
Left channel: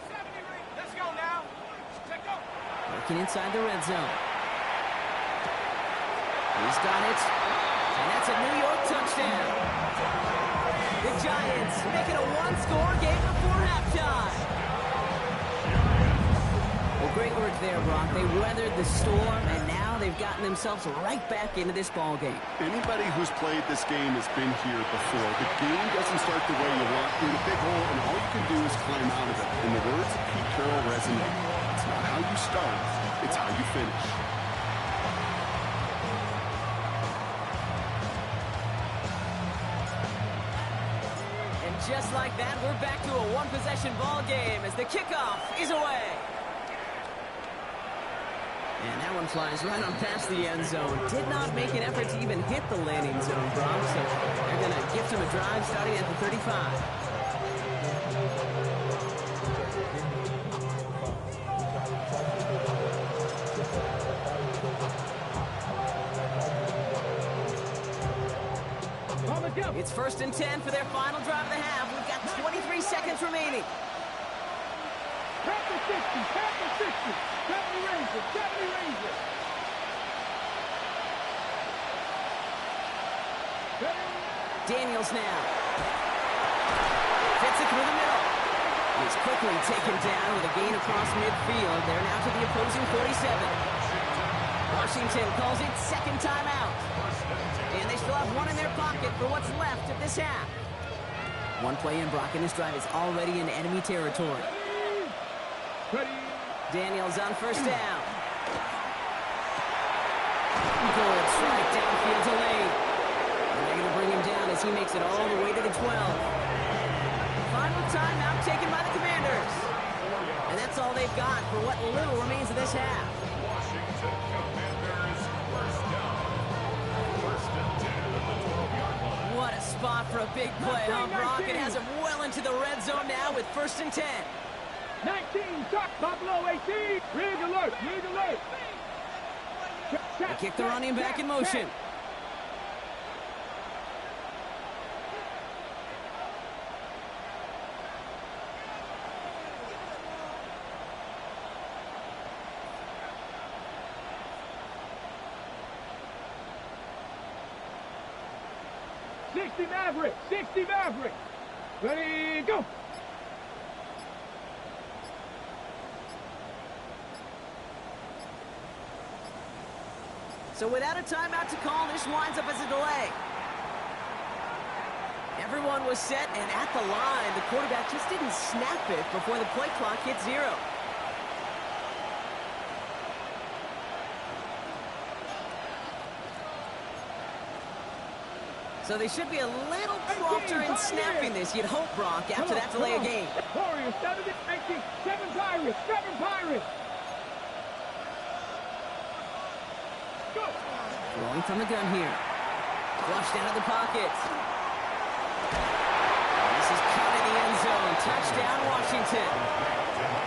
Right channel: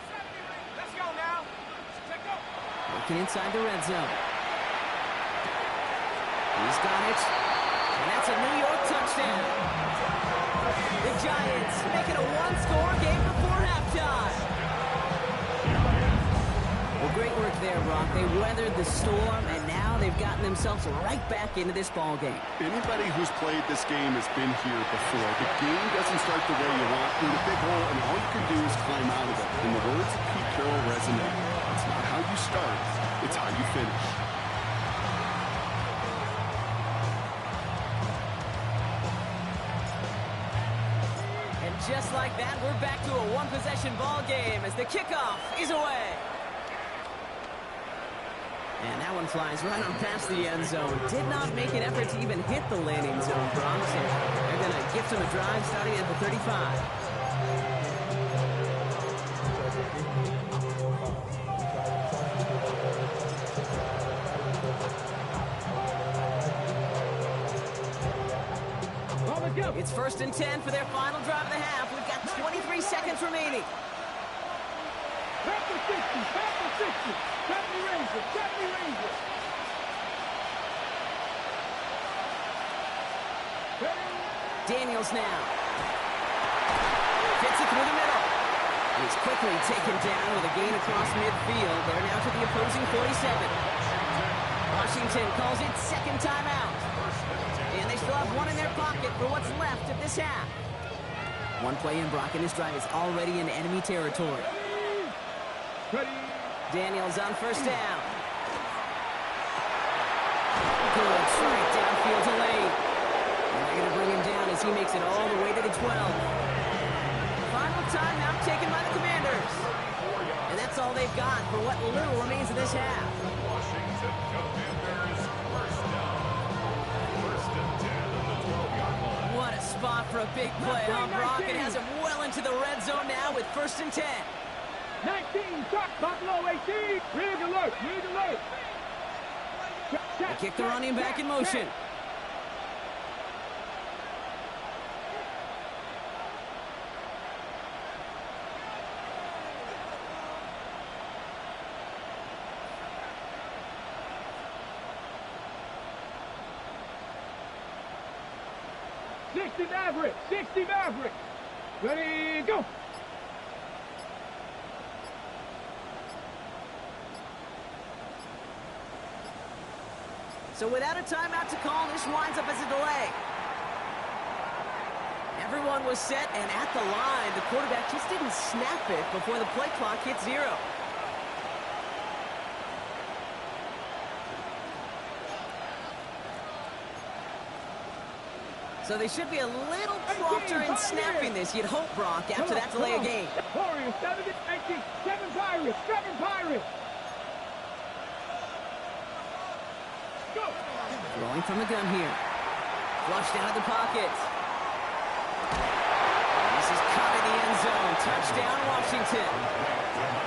70, let's go now. Check go. Working inside the red zone. He's got it. And that's a New York touchdown. The Giants make it a one-score game before halftime. Well, great work there, Brock. They weathered the storm, and now they've gotten themselves right back into this ball game. Anybody who's played this game has been here before. The game doesn't start the way you want. You're in a big hole, and all you can do is climb out of it. And the words of Pete Carroll resonate. It's not how you start, it's how you finish. And just like that, we're back to a one-possession ball game as the kickoff is away. And that one flies right on past the end zone. Did not make an effort to even hit the landing zone, Bronx. So they're going to gift him a drive starting at the 35. It's 1st and 10 for their final drive of the half. We've got 23 seconds remaining. Panther 60, Panther 60. 70 Rangers, 70 Rangers. Daniels now. Fits it through the middle. He's quickly taken down with a gain across midfield. They're now to the opposing 47. Washington calls it second timeout. And they still have one in their pocket for what's left of this half. One play in, Brock, and this drive is already in enemy territory. Ready. Daniels on first down. Good strike downfield to Lane. And they're going to bring him down as he makes it all the way to the 12. Final timeout taken by the Commanders. And that's all they've got for what little remains of this half. Washington Commanders first down. 1st and 10 at the 12-yard line. What a spot for a big play, huh, Brock? It has him well into the red zone now with 1st and 10. 19, shot, Buffalo 18. Rig alert, rig alert. They kick the running back in motion. Maverick, 60 Maverick. Ready, go. So without a timeout to call, this winds up as a delay. Everyone was set, and at the line, the quarterback just didn't snap it before the play clock hit 0. So they should be a little prompter in snapping this, you'd hope, Brock, after that delay of game. Warriors, 70, 19, 7 Pirates, 7 Pirates. Go. Throwing from the gun here. Flushed out of the pocket. This is caught in the end zone. Touchdown, Washington.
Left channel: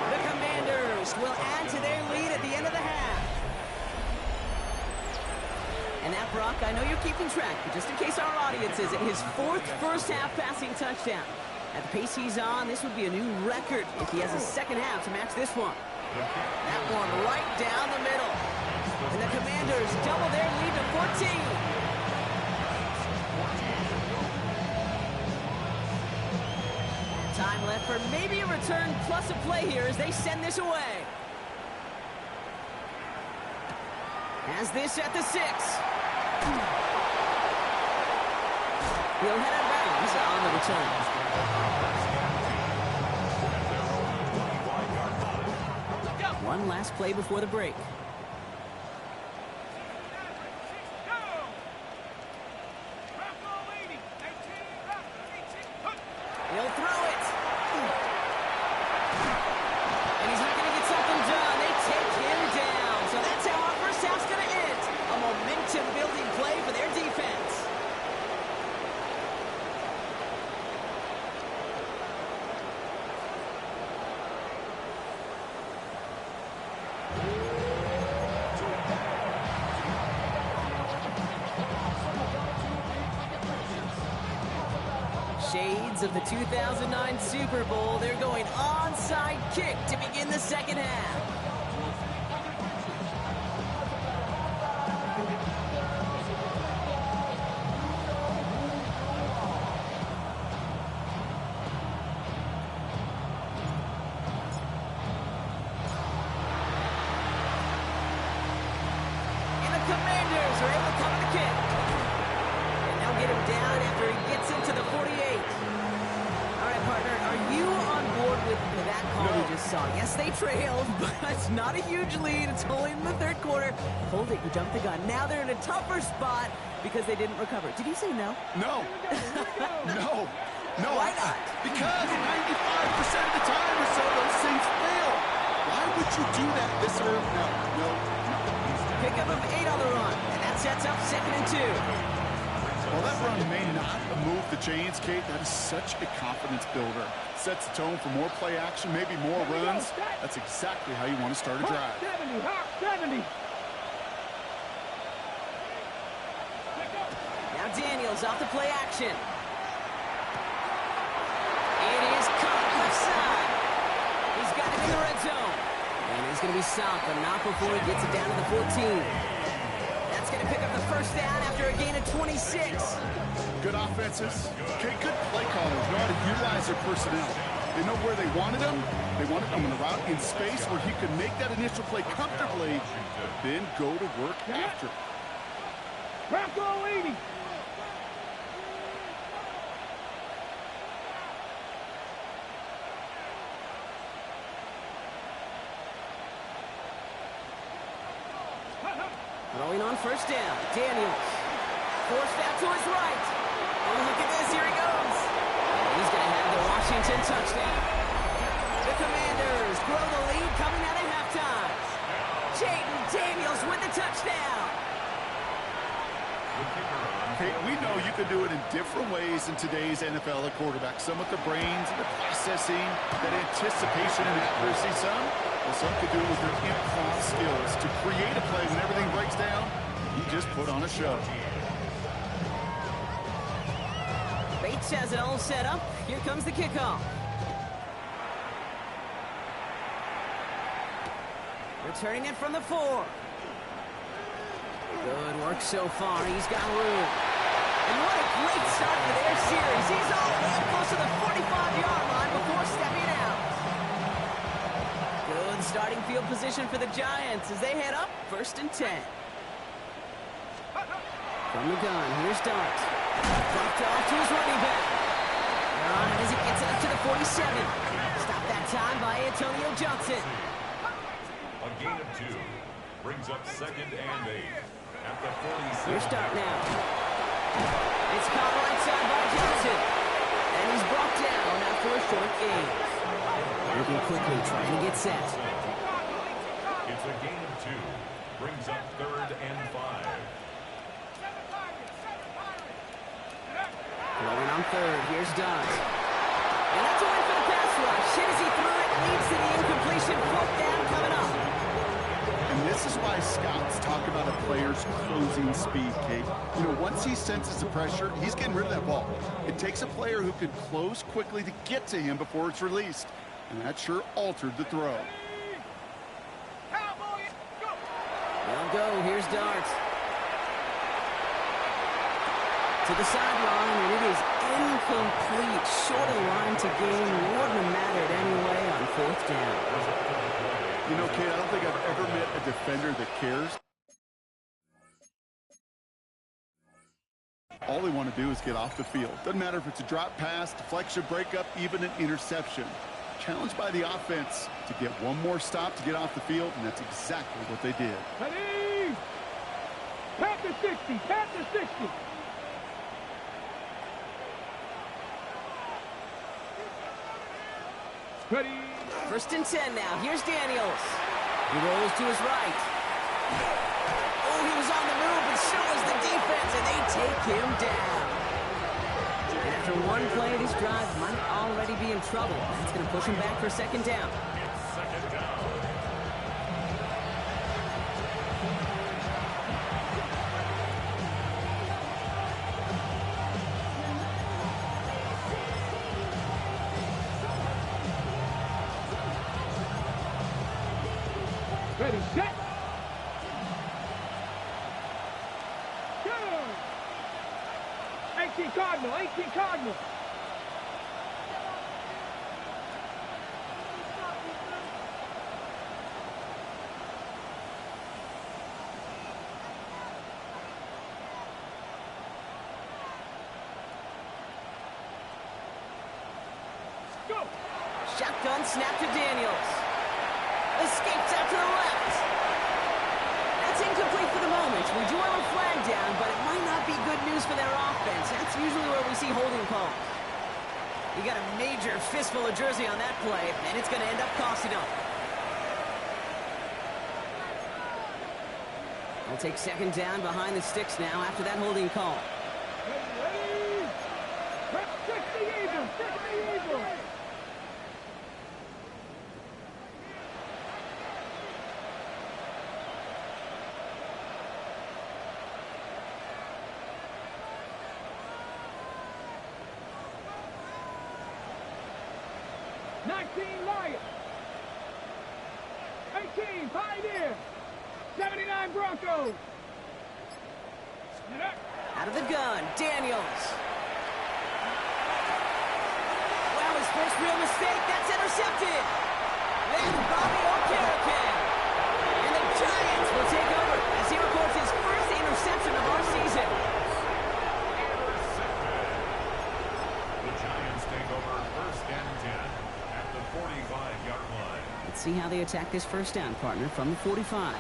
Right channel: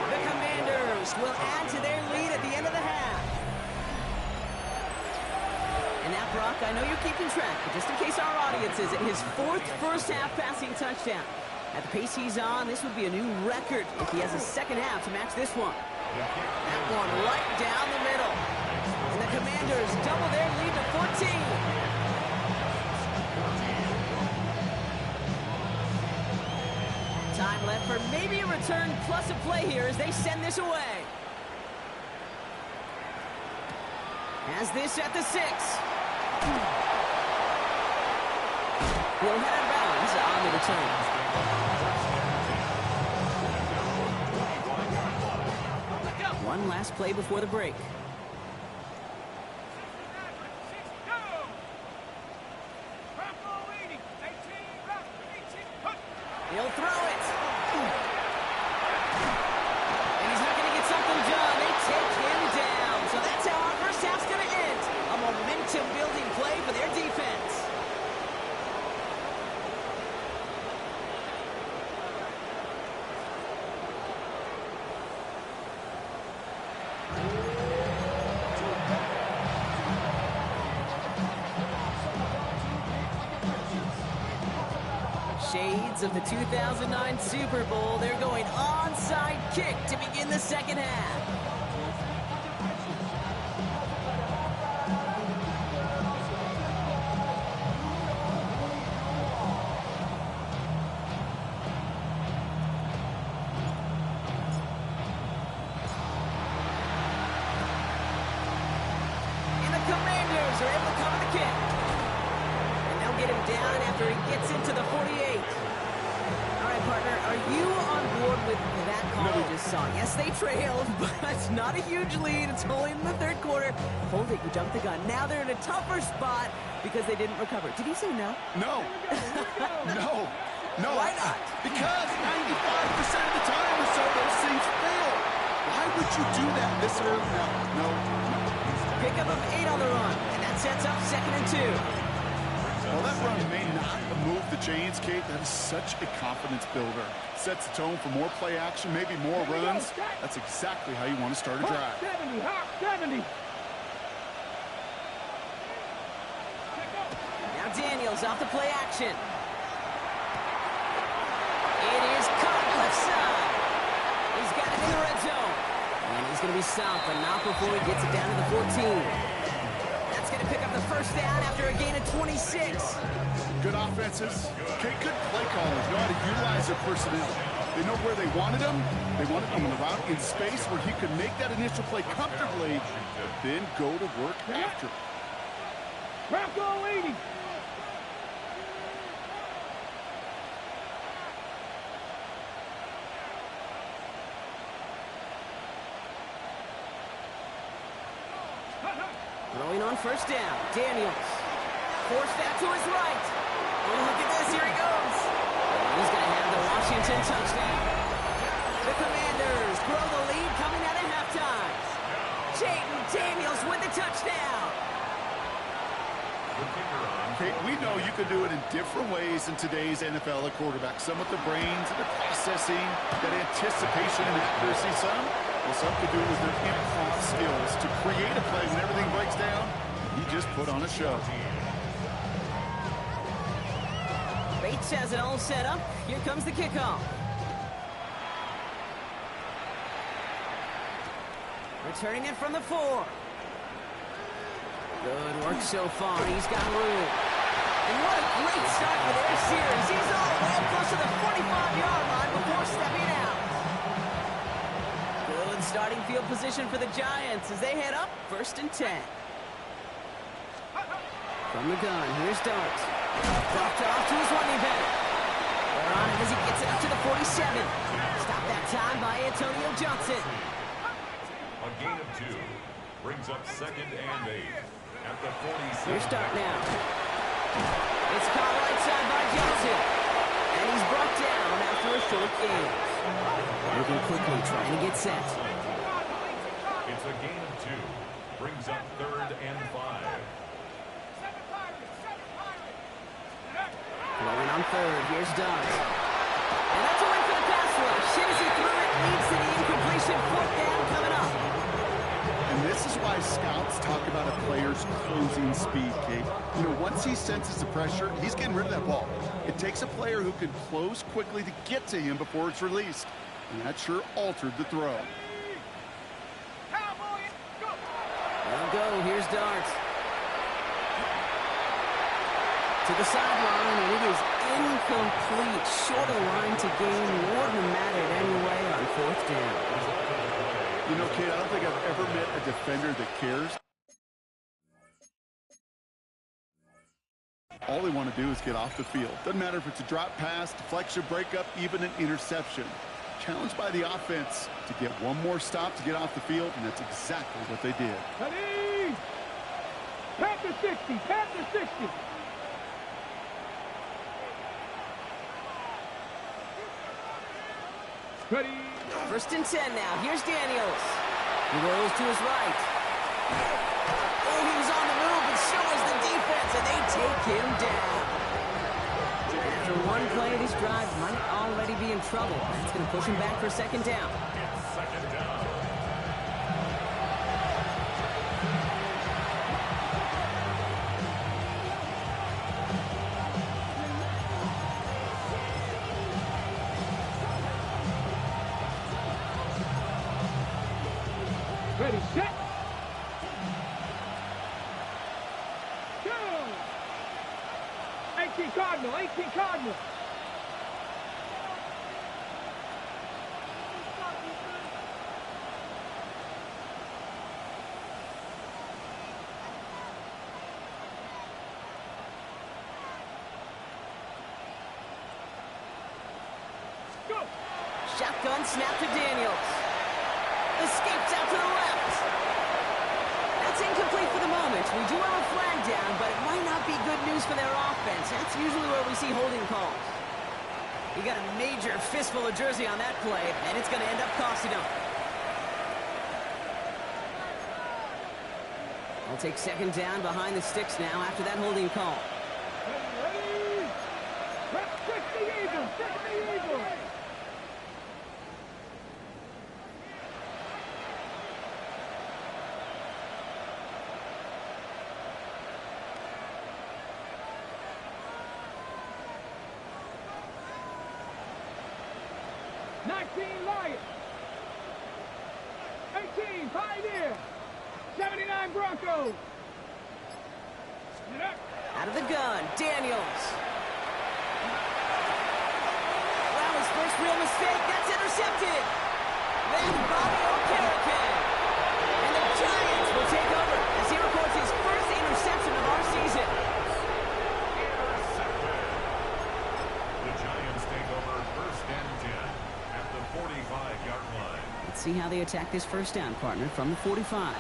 The Commanders will add to their lead at the end of the half. And now, Brock, I know you're keeping track, but just in case our audience isn't, his 4th first-half passing touchdown. At the pace he's on, this would be a new record if he has a second half to match this one. That one right down the middle. And the Commanders double their lead to 14. Time left for maybe a return plus a play here as they send this away. Has this at the 6. He'll head out of bounds. Downs on the return. One last play before the break. He'll throw it. And he's not going to get something done. They take him down. So that's how our first half's going to end. A momentum-building play for their defense. Shades of the 2009 Super Bowl. They're going onside kick to begin the second half. And the Commanders are able to cover the kick. They'll get him down after he gets into the 48. All right, partner, are you on board with that call we just saw? Yes, they trailed, but it's not a huge lead. It's only in the third quarter. Hold it, you jumped the gun. Now they're in a tougher spot because they didn't recover. Did you say no? No. No. Why not? Because 95% of the time or so, those things fail. Why would you do that this early? No. Pickup of 8 on the run, and that sets up 2nd and 2. While that run may not move the chains, Kate, that is such a confidence builder. Sets the tone for more play action, maybe more runs. That's exactly how you want to start a drive. 70, hop 70. Now Daniels off the play action. It is caught left side. He's got it in the red zone. And he's going to be stopped, but not before he gets it down to the 14. That's going to pick up the first down after a gain of 26. Good offenses. Okay, good play callers know how to utilize their personnel. They know where they wanted them. They wanted them on the route in space where he could make that initial play comfortably, then go to work after. Bronco 80. Throwing on first down, Daniels. Forced out to his right. Oh, look at this, here he goes. And he's going to have the Washington touchdown. The Commanders grow the lead coming out of halftime. Jaden Daniels with the touchdown. Kate, we know you can do it in different ways in today's NFL at quarterback. Some with the brains and the processing, that anticipation and accuracy. Some could do it with their improv skills to create a play when everything breaks down. He just put on a show. Bates has it all set up. Here comes the kickoff. Returning it from the 4. Good work so far. He's got room. And what a great start for their series. He's all the way up close to the 45-yard line before stepping out. Good starting field position for the Giants as they head up 1st and 10. From the gun, here's Dart. Dropped off to his running back. They're on it as he gets it up to the 47. Stopped that time by Antonio Johnson. A gain of 2 brings up 2nd and 8 at the 46. Here's Dart now. It's caught right side by Johnson. And he's brought down after a short gain. Moving quickly, trying to get set. It's a gain of 2. Brings up 3rd and 5. Going on 3rd, here's Dart. And that's a win for the pass rush. Hit as he threw it, leads to the incompletion. 4th down coming up. And this is why scouts talk about a player's closing speed, Kate. You know, once he senses the pressure, he's getting rid of that ball. It takes a player who can close quickly to get to him before it's released. And that sure altered the throw. They'll go, here's Dart. To the sideline, and it is incomplete. Short of the line to gain. Wouldn't have mattered anyway on 4th down. You know, Kate, I don't think I've ever met a defender that cares All they want to do is get off the field. Doesn't matter if it's a drop pass, deflection, breakup, even an interception. Challenged by the offense to get one more stop to get off the field, and that's exactly what they did. Ready? Panther 60, Panther 60. Ready? 1st and 10 now. Here's Daniels. He rolls to his right. Oh, he was on the move, but so was the defense, and they take him down. After one play, this drive might already be in trouble. That's going to push him back for 2nd down. It's 2nd down. Ready, set. Go. 18 Cardinal, 18 Cardinal. Go. Shotgun snap to Daniels. Escapes out to the left. That's incomplete for the moment. We do have a flag down, but it might not be good news for their offense. That's usually where we see holding calls. He got a major fistful of jersey on that play, and it's going to end up costing him. I'll take 2nd down behind the sticks now after that holding call. Ready? Prep 60 Eagles, 60 Eagles. Lion. 18 Pioneer. 79 Broncos. Out of the gun, Daniels. Wow, his first real mistake. That's intercepted. Then Bobby Okereke. And the Giants will take over as he records his first interception of our season. Intercepted. The Giants take over 1st and 10 at the 45-yard line. Let's see how they attack this 1st down, partner, from the 45.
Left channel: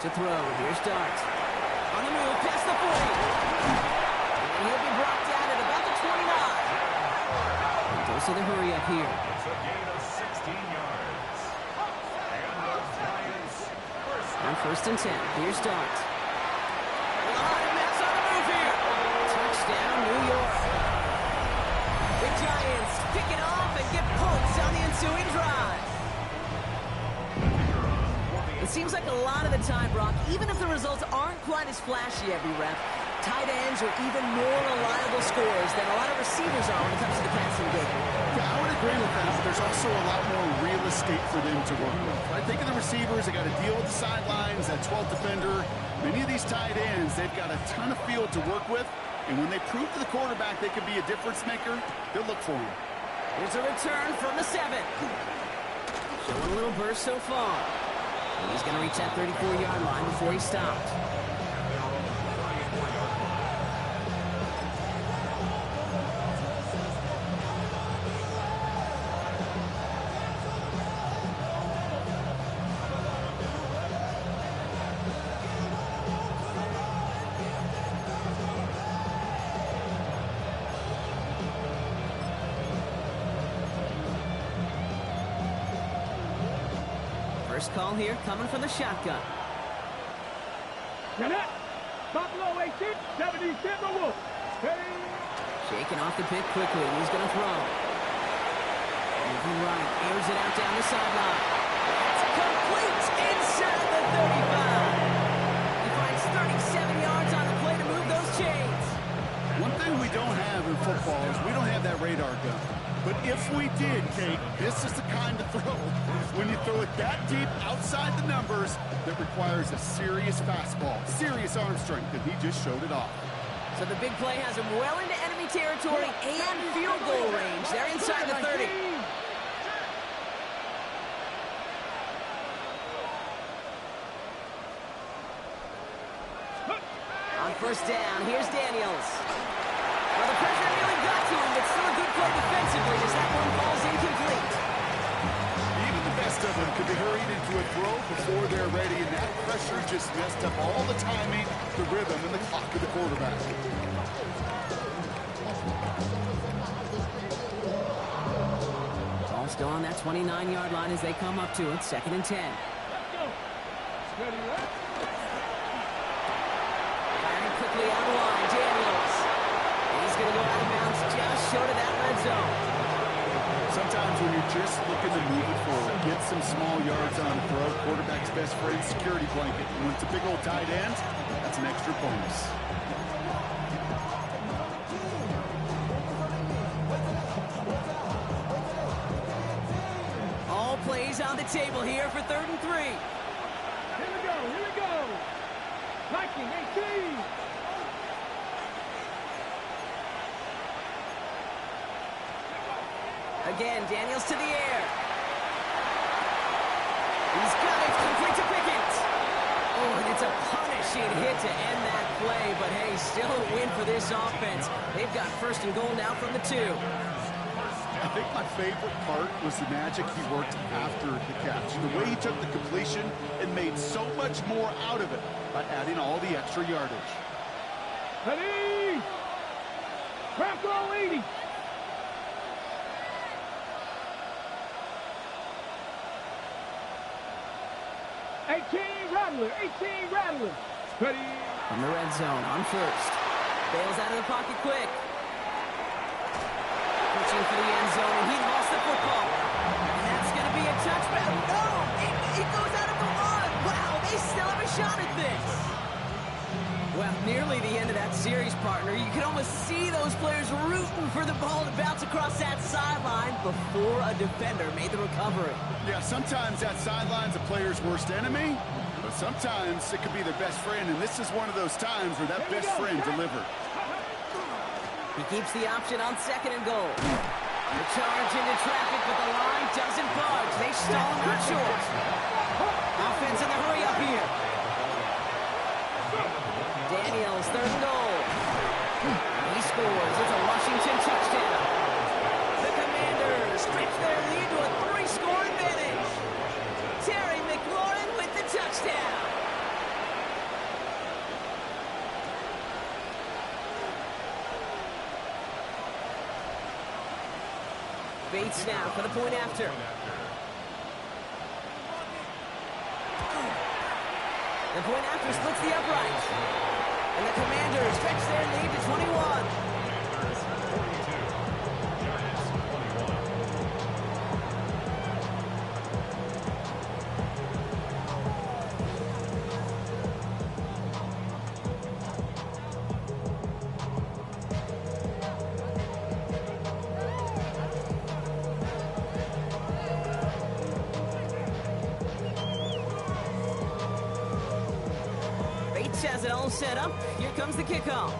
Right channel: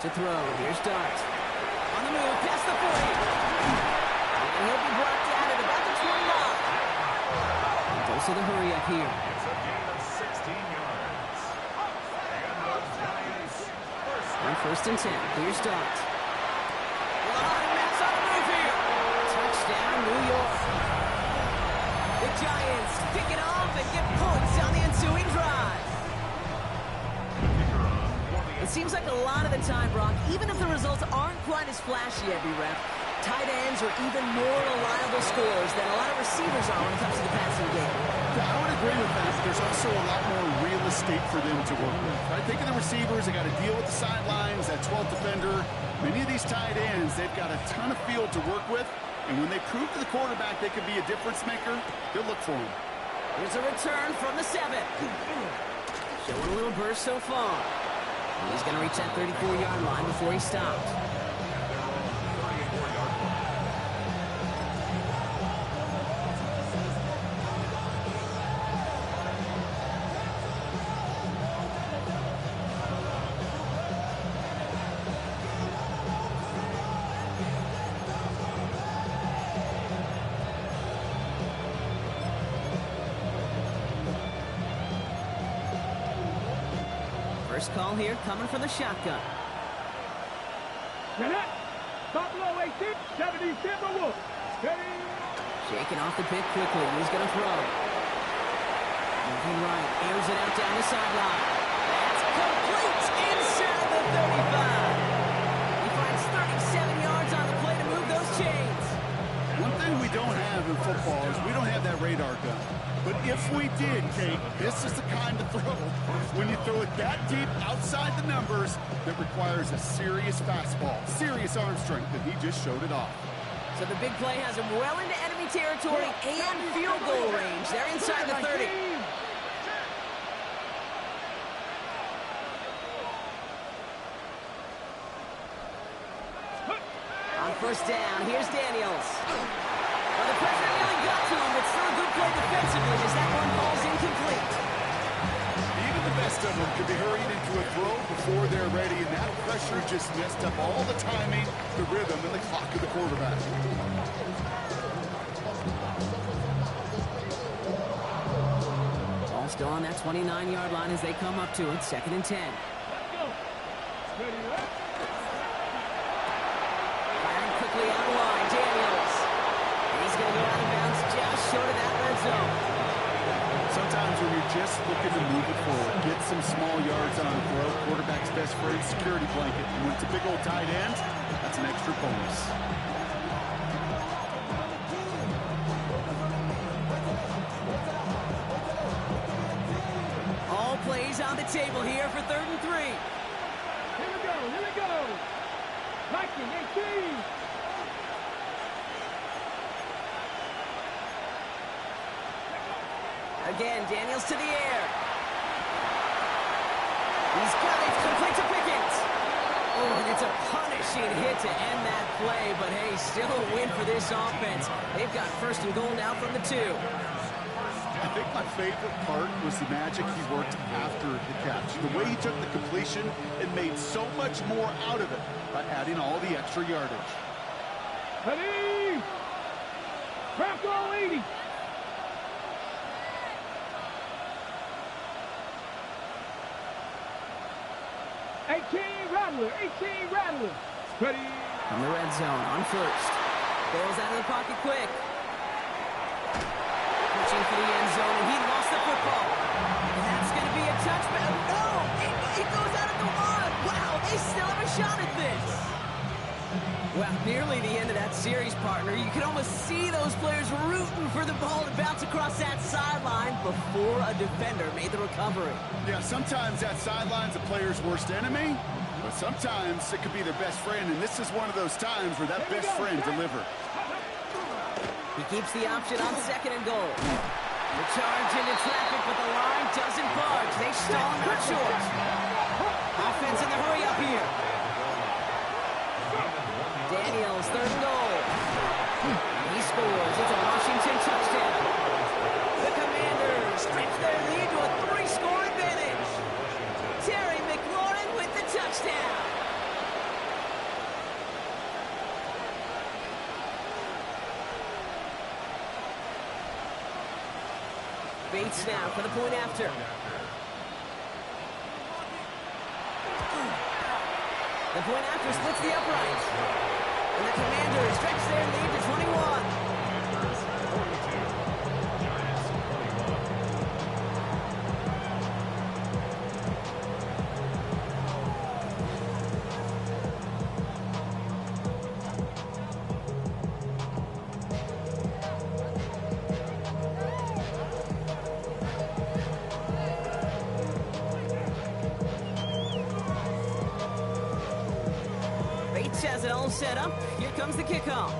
To throw, here's Dart. On the move, past the 40. And he'll be brought down at about the 29. And also the hurry up here. It's a gain of 16 yards. And the Giants On 1st and 10, here's Dart. A lot of mess on the move here. Touchdown, New York. The Giants pick it off and get points on the ensuing drive. It seems like a lot of the time, Brock, even if the results aren't quite as flashy every rep, tight ends are even more reliable scorers than a lot of receivers are when it comes to the passing game. Yeah, I would agree with that, but there's also a lot more real estate for them to work with. Right? Think of the receivers. They got to deal with the sidelines, that 12th defender. Many of these tight ends, they've got a ton of field to work with, and when they prove to the quarterback they could be a difference maker, they'll look for him. Here's a return from the 7. Showing a little burst so far. He's going to reach that 34-yard line before he stops. First call here coming from the shotgun. Buffalo 18, 70 Timberwolves. Shaking off the pick quickly. He's going to throw. Moving right. Airs it out down the sideline. That's complete inside the 35. He finds 37 yards on the play to move those chains. One thing we don't have in football is we don't have that radar gun. But if we did, Kate, this is the kind of throw, when you throw it that deep outside the numbers, that requires a serious fastball, serious arm strength, and he just showed it off. So the big play has him well into enemy territory and field goal range. They're inside the 30. First down. Here's Daniels. Well, the pressure nearly got to him, but still a good play defensively as that one falls incomplete. Even the best of them could be hurried into a throw before they're ready, and that pressure just messed up all the timing, the rhythm, and the clock of the quarterback. Ball still on that 29-yard line as they come up to it. 2nd and 10. Let's go. Ready, right? Firing quickly out of line. Daniels. And he's going to go out of bounds just short of that red zone. Sometimes when you're just looking to move it forward, get some small yards on a throw, quarterback's best friend, security blanket. And when it's a big old tight end, that's an extra bonus. All plays on the table here for 3rd and 3. Here we go, here we go. Liking 18. Again, Daniels to the air. He's got it, complete to Pickens. Oh, and it's a punishing hit to end that play, but hey, still a win for this offense. They've got 1st and goal now from the 2. I think my favorite part was the magic he worked after the catch. The way he took the completion and made so much more out of it by adding all the extra yardage. Ready. Bronco 80. Rattler, 18 Rattler. Ready. From the red zone on 1st. Bails out of the pocket quick. Pushing for the end zone, and he lost the football. And that's going to be a touchback. No! It goes out of the one. Wow, they still have a shot at this. Well, nearly the end of that series, partner. You can almost see those players rooting for the ball to bounce across that sideline before a defender made the recovery. Yeah, sometimes that sideline's a player's worst enemy, but sometimes it could be their best friend, and this is one of those times where that best friend delivered. He keeps the option on 2nd and goal. The charge into traffic, but the line doesn't budge. They stall him out short. Offense in the hurry up here. Daniels, 3rd and goal. He scores. It's a Washington touchdown. The Commanders stretch their lead to a 3-score advantage. Terry McLaurin with the touchdown. Bates now for the point after. The point after splits the upright. And the Commanders stretch their lead to 21. Commanders 42, Giants 21. Bates has it all set up. Here comes the kickoff.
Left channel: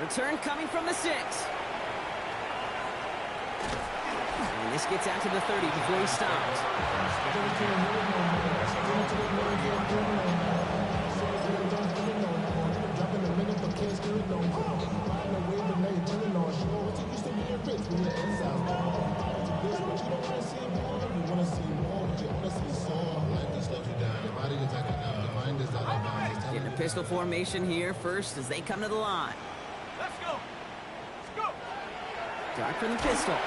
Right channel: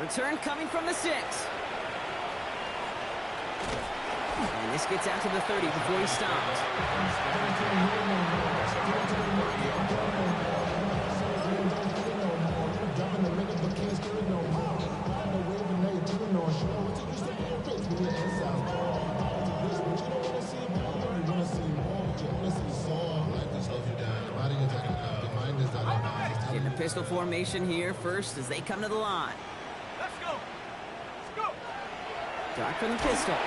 Return coming from the 6. And this gets out to the 30 before he stops. In the pistol formation here first as they come to the line. Let's go. Let's go. Dark from the pistol.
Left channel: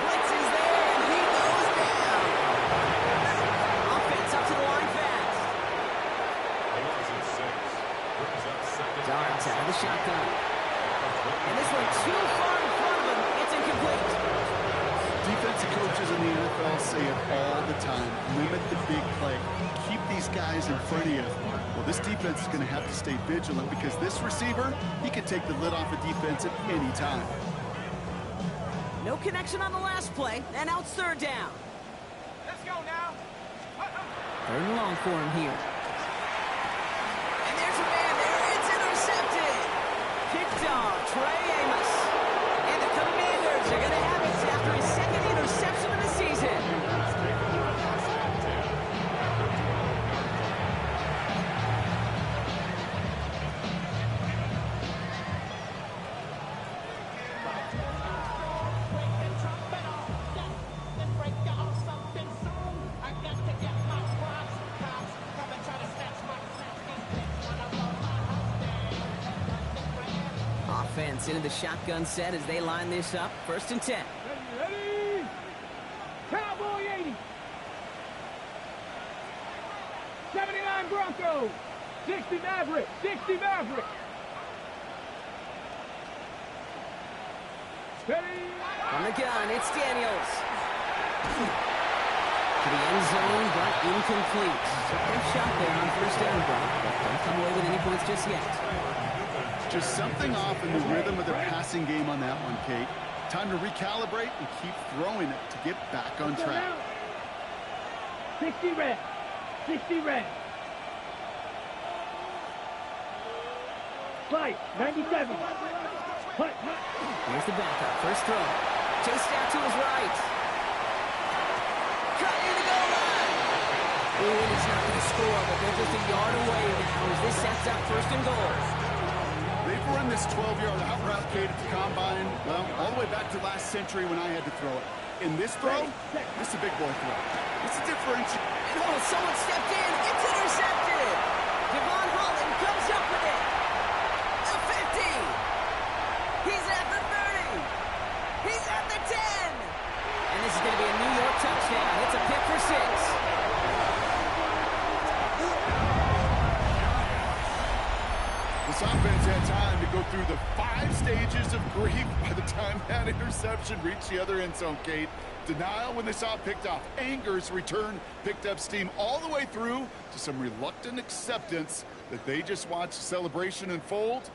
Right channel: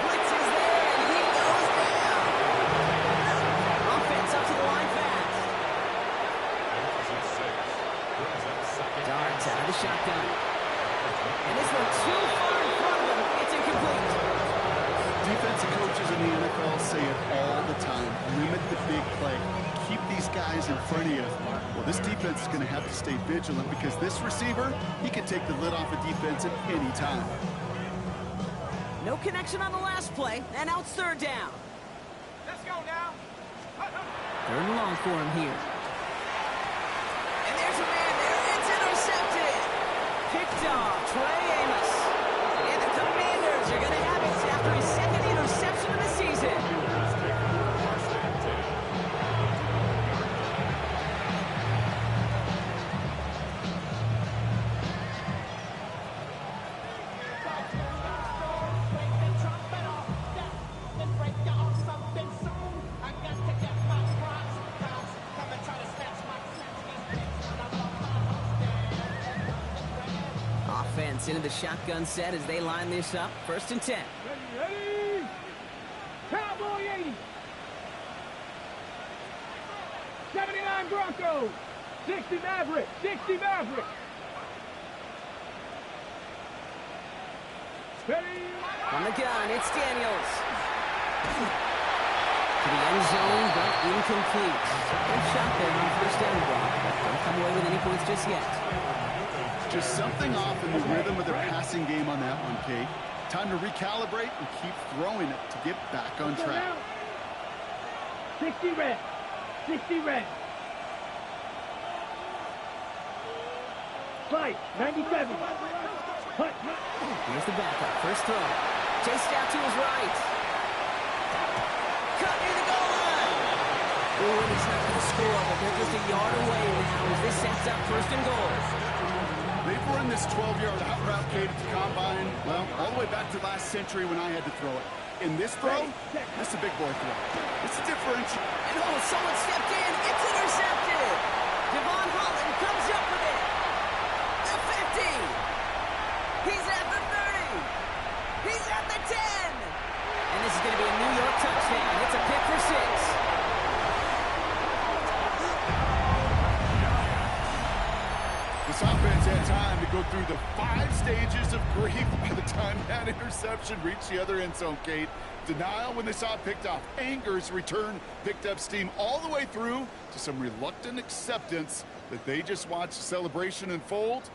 Blitz is there, and he goes down. Offense up to the line fast. A loss of 6. Brings up 2nd. Darts out of the shotgun. And this one too far in front of him. It's incomplete. Defensive coaches in the NFL say it all the time. Limit the big play. Keep these guys in front of you. Well, this defense is going to have to stay vigilant because this receiver, he can take the lid off a defense at any time. No connection on the last play, and now it's 3rd down. Let's go now. 3rd and long for him here. And there's a man there. It's intercepted. Picked off Trey Amos. And the Commanders are going to have it after his 2nd interception of the season. Giants into the shotgun set as they line this up. 1st and 10. Ready? Cowboy 80. 79 Broncos. 60 Maverick. 60 Maverick. Ready? From the gun, it's Daniels. To the end zone, but incomplete. Good shot there on 1st down, Brock, but don't come away with any points just yet. Just something off in the rhythm of their passing game on that one, Kate. Time to recalibrate and keep throwing it to get back on track. 60 red. 60 red. Slide. 97. Hut. Here's the backup. First throw. Chased out to his right. Cut near the goal line. Ooh, and he's not going to score, but they're just a yard away now as this sets up 1st and goal. They've run this 12-yard out route, Kate, at the combine, well, all the way back to last century when I had to throw it. In this throw, this is a big boy throw. It's a differential. And oh, someone stepped in. It's intercepted. Devon Holland comes up with it. The 50. He's at the 30. He's at the 10. And this is going to be a New York touchdown. It's a pick for 6. This offense had time to go through the 5 stages of grief by the time that interception reached the other end zone, Kate. Denial when they saw it picked off. Anger's return picked up steam all the way through to some reluctant acceptance that they just watched the celebration unfold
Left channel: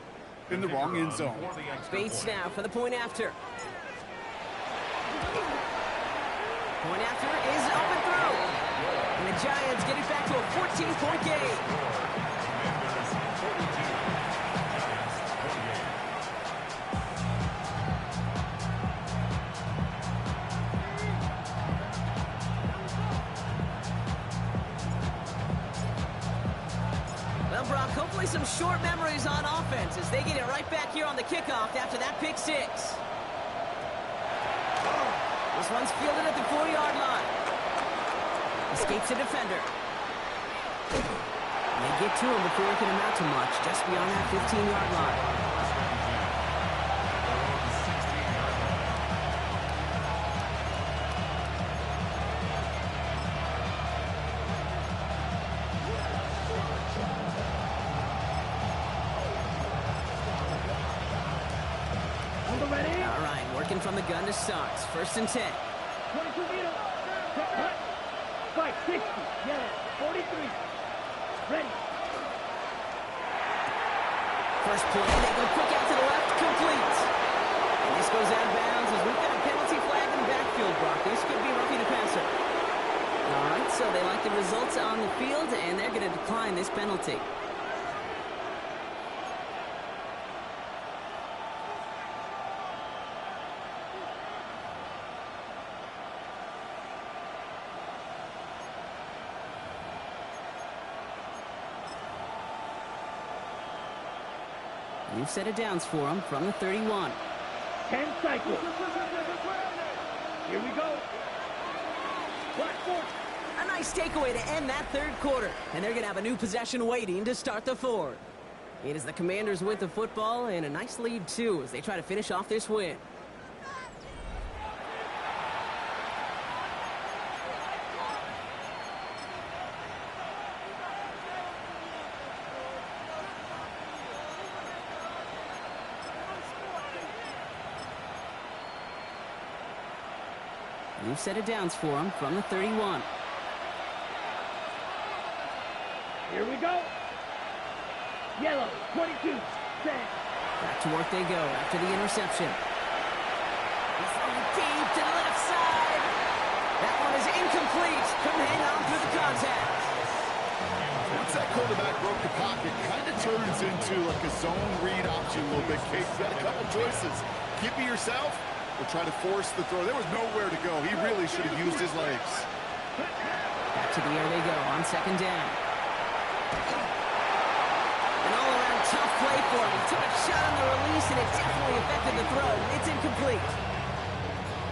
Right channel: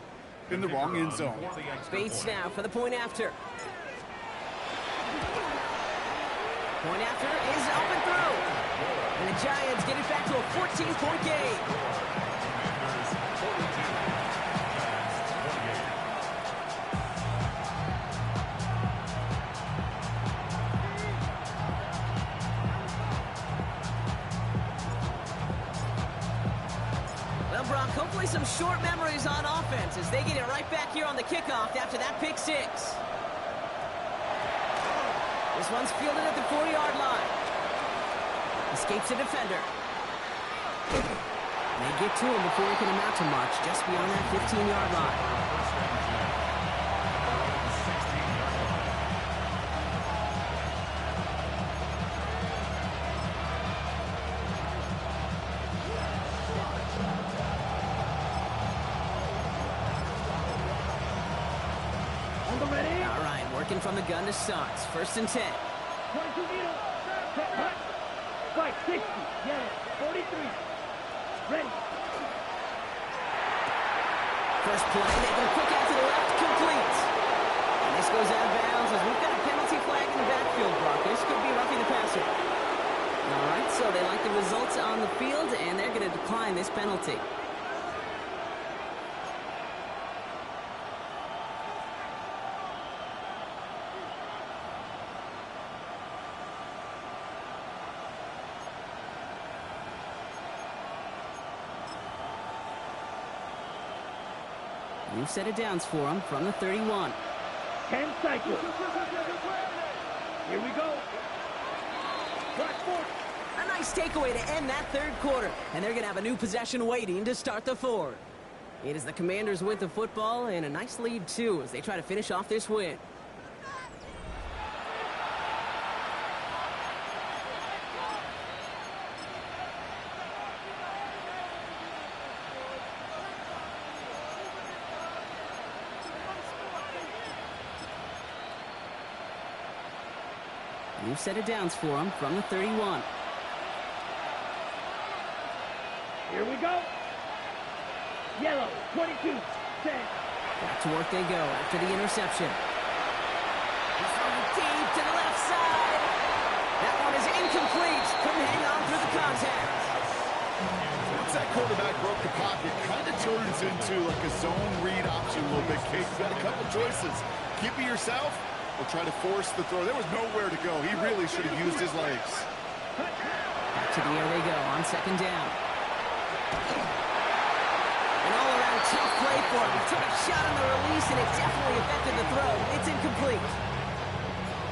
in the wrong end zone. Bates now for the point after. Point after is up and through. And the Giants get it back to a 14-point game. Commanders 42, Giants 28. Well, Brock, hopefully some short memories on offense as they get it right back here on the kickoff after that pick 6. This one's fielded at the 4-yard line. Escapes a defender. And they get to him before he can amount to much, just beyond that 15-yard line. On the ready. All right, working from the gun to start. 1st and 10. 22 needle. Hut. Spike. 60. Yeah. 43. Ready. First play, they go quick out to the left, complete. And this goes out of bounds as we've got a penalty flag in the backfield, Brock. This could be roughing the passer. All right, so they like the results on the field, and they're going to decline this penalty. New set of downs for him from the 31. 10 cycles. Here we go. Black 40. A nice takeaway to end that 3rd quarter. And they're going to have a new possession waiting to start the 4th. It is the Commanders with the football and a nice lead, too, as they try to finish off this win. New set of downs for him from the 31. Here we go. Yellow, 22. Set. Back to work they go after the interception. He's throwing deep to the left side. That one is incomplete. Couldn't hang on through the contact. Once that quarterback broke the pocket, kind of turns into like a zone read option a little bit. Kate, you've got a couple choices. Keep it yourself. Will try to force the throw. There was nowhere to go. He really should have used his legs. Back to the air they go on 2nd down. An all-around tough play for him. He took a shot on the release, and it definitely affected the throw. It's incomplete.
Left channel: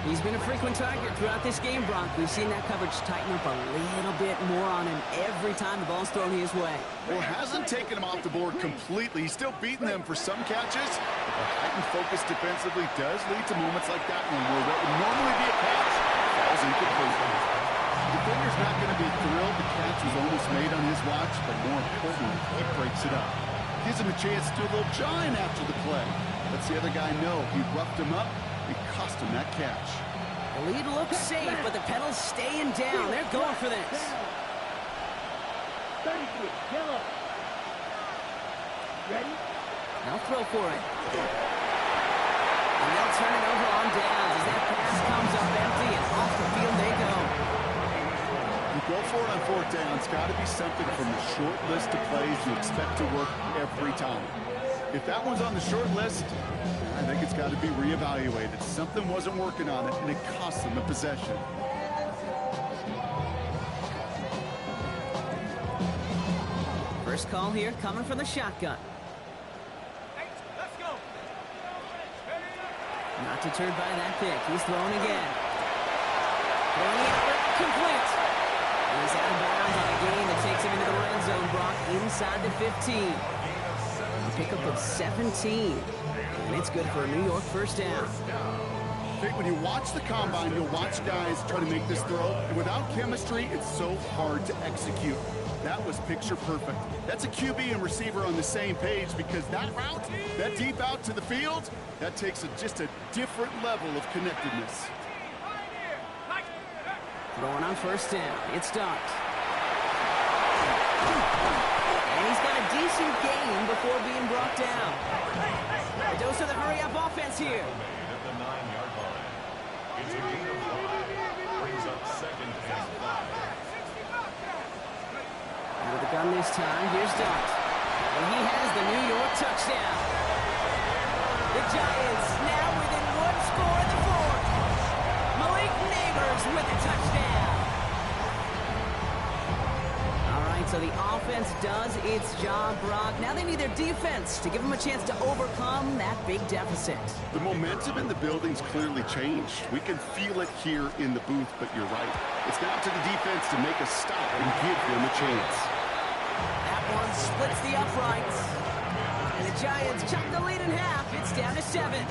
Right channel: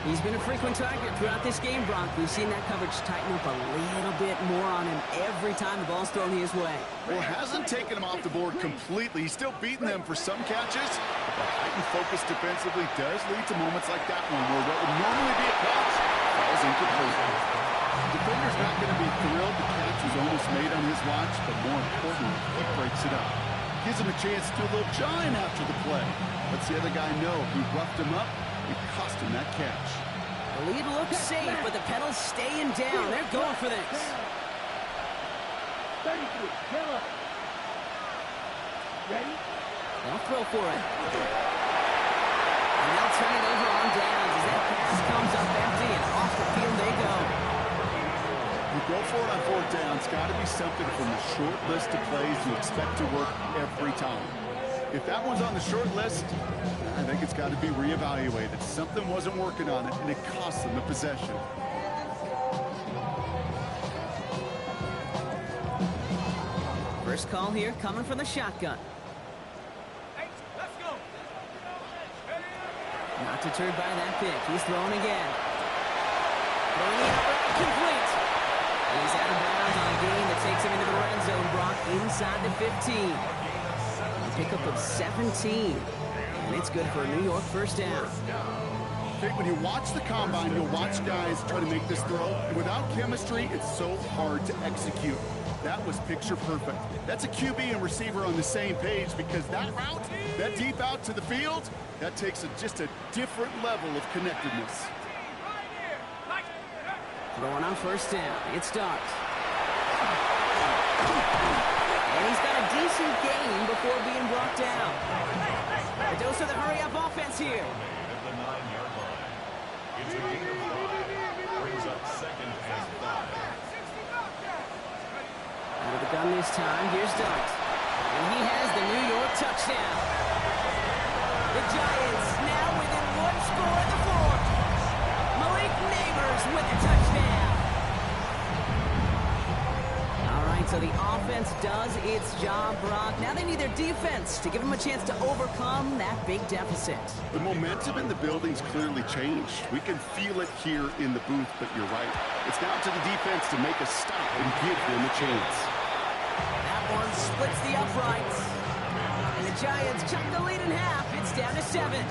He's been a frequent target throughout this game, Brock. We've seen that coverage tighten up a little bit more on him every time the ball's thrown his way. Well, hasn't taken him off the board completely. He's still beating them for some catches. But the heightened focus defensively does lead to moments like that one where what would normally be a catch falls incomplete. Defender's not going to be thrilled the catch was almost made on his watch, but more importantly, he breaks it up. Gives him a chance to do a little jawing after the play. Lets the other guy know he roughed him up. It cost him that catch. The lead looks safe, but the pedal's staying down. They're going for this. 33, yellow. Ready? They'll throw for it. And they'll turn it over on downs as that pass comes up empty and off the field they go. You go for it on fourth down. It's got to be something from the short list of plays you expect to work every time. If that one's on the short list, I think it's got to be reevaluated. Something wasn't working on it, and it cost them the possession. First call here coming from the shotgun. Let's go. Not deterred by that pick. He's throwing again. Throwing the outlet, complete. He's out of bounds on a gain that takes him into the red zone, Brock, inside the 15. A pickup of 17. And it's good for a New York first down. Okay, when you watch the combine, you'll watch guys try to make this throw. And without chemistry, it's so hard to execute. That was picture perfect. That's a QB and receiver on the same page because that route, that deep out to the field, that takes just a different level of connectedness. Throwing on first down. It starts. And he's got a decent gain before being brought down. A dose of the hurry-up offense here. Made at the 9-yard line. It's a gain of 5. Brings up 2nd and 5. Out of the gun this time. Here's Dart. And he has the New York touchdown. The Giants now within one score at the 4th. Malik Neighbors with a touchdown. All right, so the offense does its job, Brock. Now they need their defense to give them a chance to overcome that big deficit. The momentum in the building's clearly changed. We can feel it here in the booth, but you're right. It's down to the defense to make a stop and give them a chance. That one splits the uprights. And the Giants chop the lead in half. It's down to 7.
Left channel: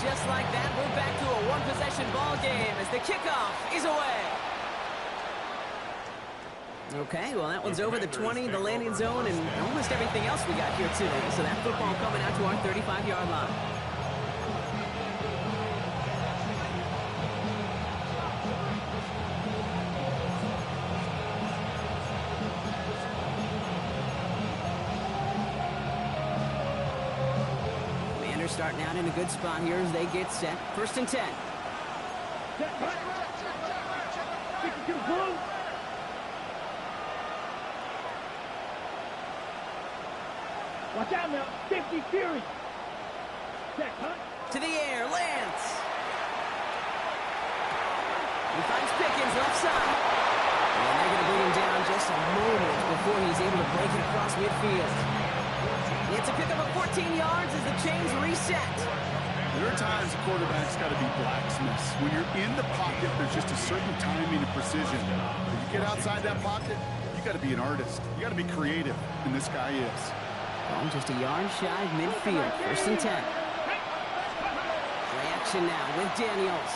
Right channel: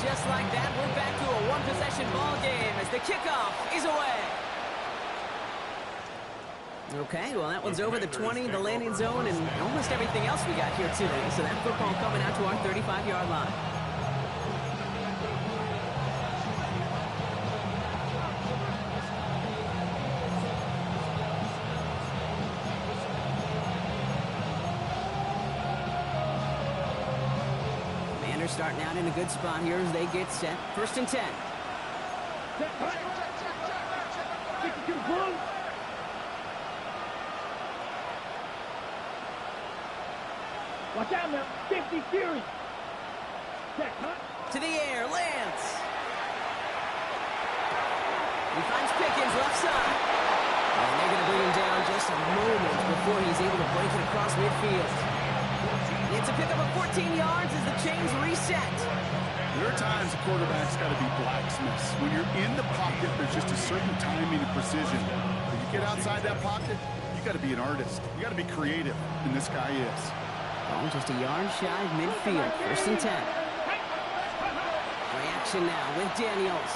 Just like that, we're back to a one-possession ball game as the kickoff is away. Okay, well, that one's over the 20, the landing zone, and almost everything else we got here today. So that football coming out to our 35-yard line. Starting out in a good spot here as they get set. 1st and 10. Watch out now. 50 Fury. To the air. Lance. He finds Pickens left side. And they're going to bring him down just a moment before he's able to break it across midfield. It's a pickup of 14 yards as the chains reset. There are times a quarterback's got to be blacksmiths. When you're in the pocket, there's just a certain timing and precision. When you get outside that pocket, you got to be an artist. You got to be creative, and this guy is. Ball just a yard shy of midfield. 1st and 10. Reaction now with Daniels.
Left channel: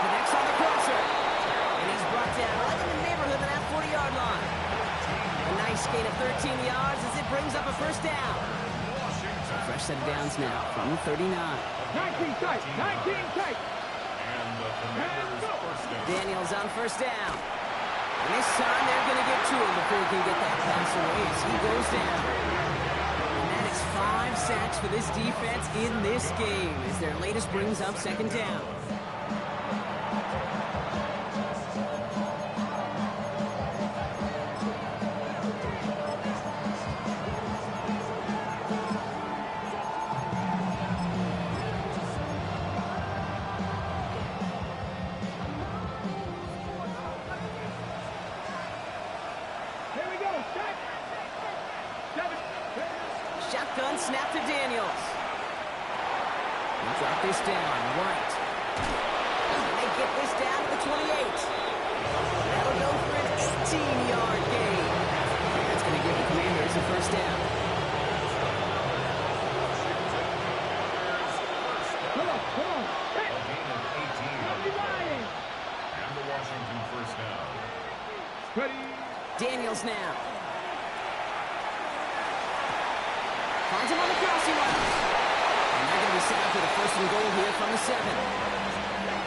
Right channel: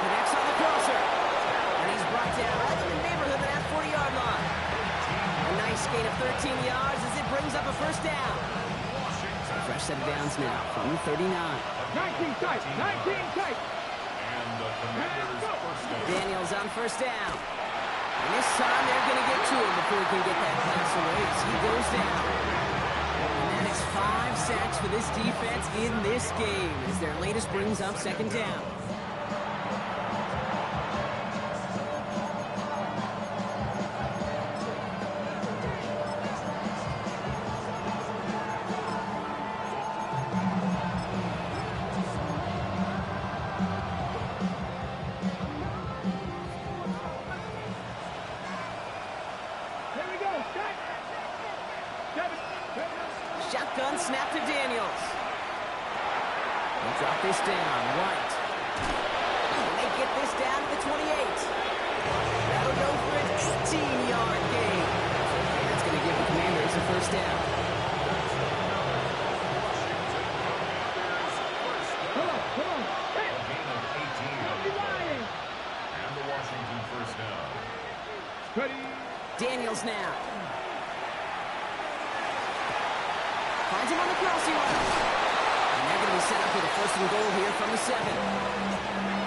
Connects on the crosser. And he's brought down right in the neighborhood of that 40-yard line. A nice gain of 13 yards as it brings up a first down. A fresh set of downs now from the 39. 19 tight. 19 tight. And the Commanders' first down. Daniels on first down. And this time they're going to get to him before he can get that pass away as he goes down. And that is 5 sacks for this defense in this game as their latest brings up 2nd down. Here we go. Stack. 7. Shotgun snap to Daniels. He'll drop this down. White. And they get this down to the 28. That'll go for an 18-yard gain. That's going to give the Commanders a first down. Come on. Hey. A gain of 18 on the play. And the Washington first down. Ready. Daniels now. Finds him on the crossing route. And they're going to be set up with a first and goal here from the 7.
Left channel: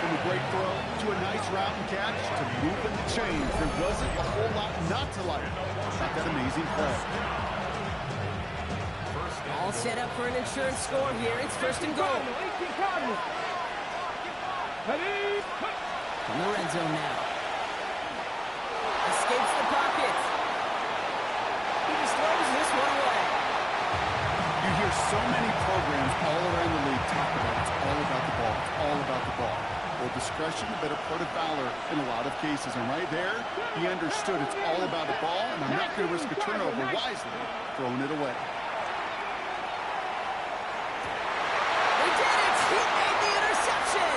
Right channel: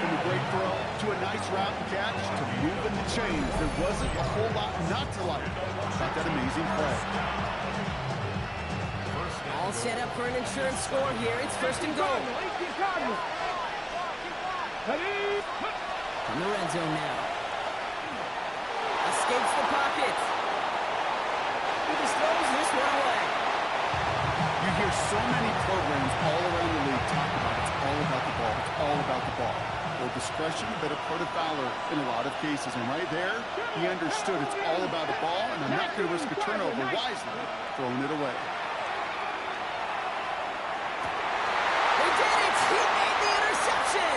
From a great throw to a nice route and catch to moving the chains. There wasn't a whole lot not to like about that amazing play. All set up for an insurance score here. It's first and goal. 18 Cardinals. Ready. From the red zone now. Escapes the pocket. He just throws this one away. You hear so many programs all around the league talk about it's all about the ball. It's all about the ball. Well, discretion, the better part of valor in a lot of cases. And right there, he understood it's all about the ball, and I'm not going to risk a turnover wisely, throwing it away. They did it! He made the interception!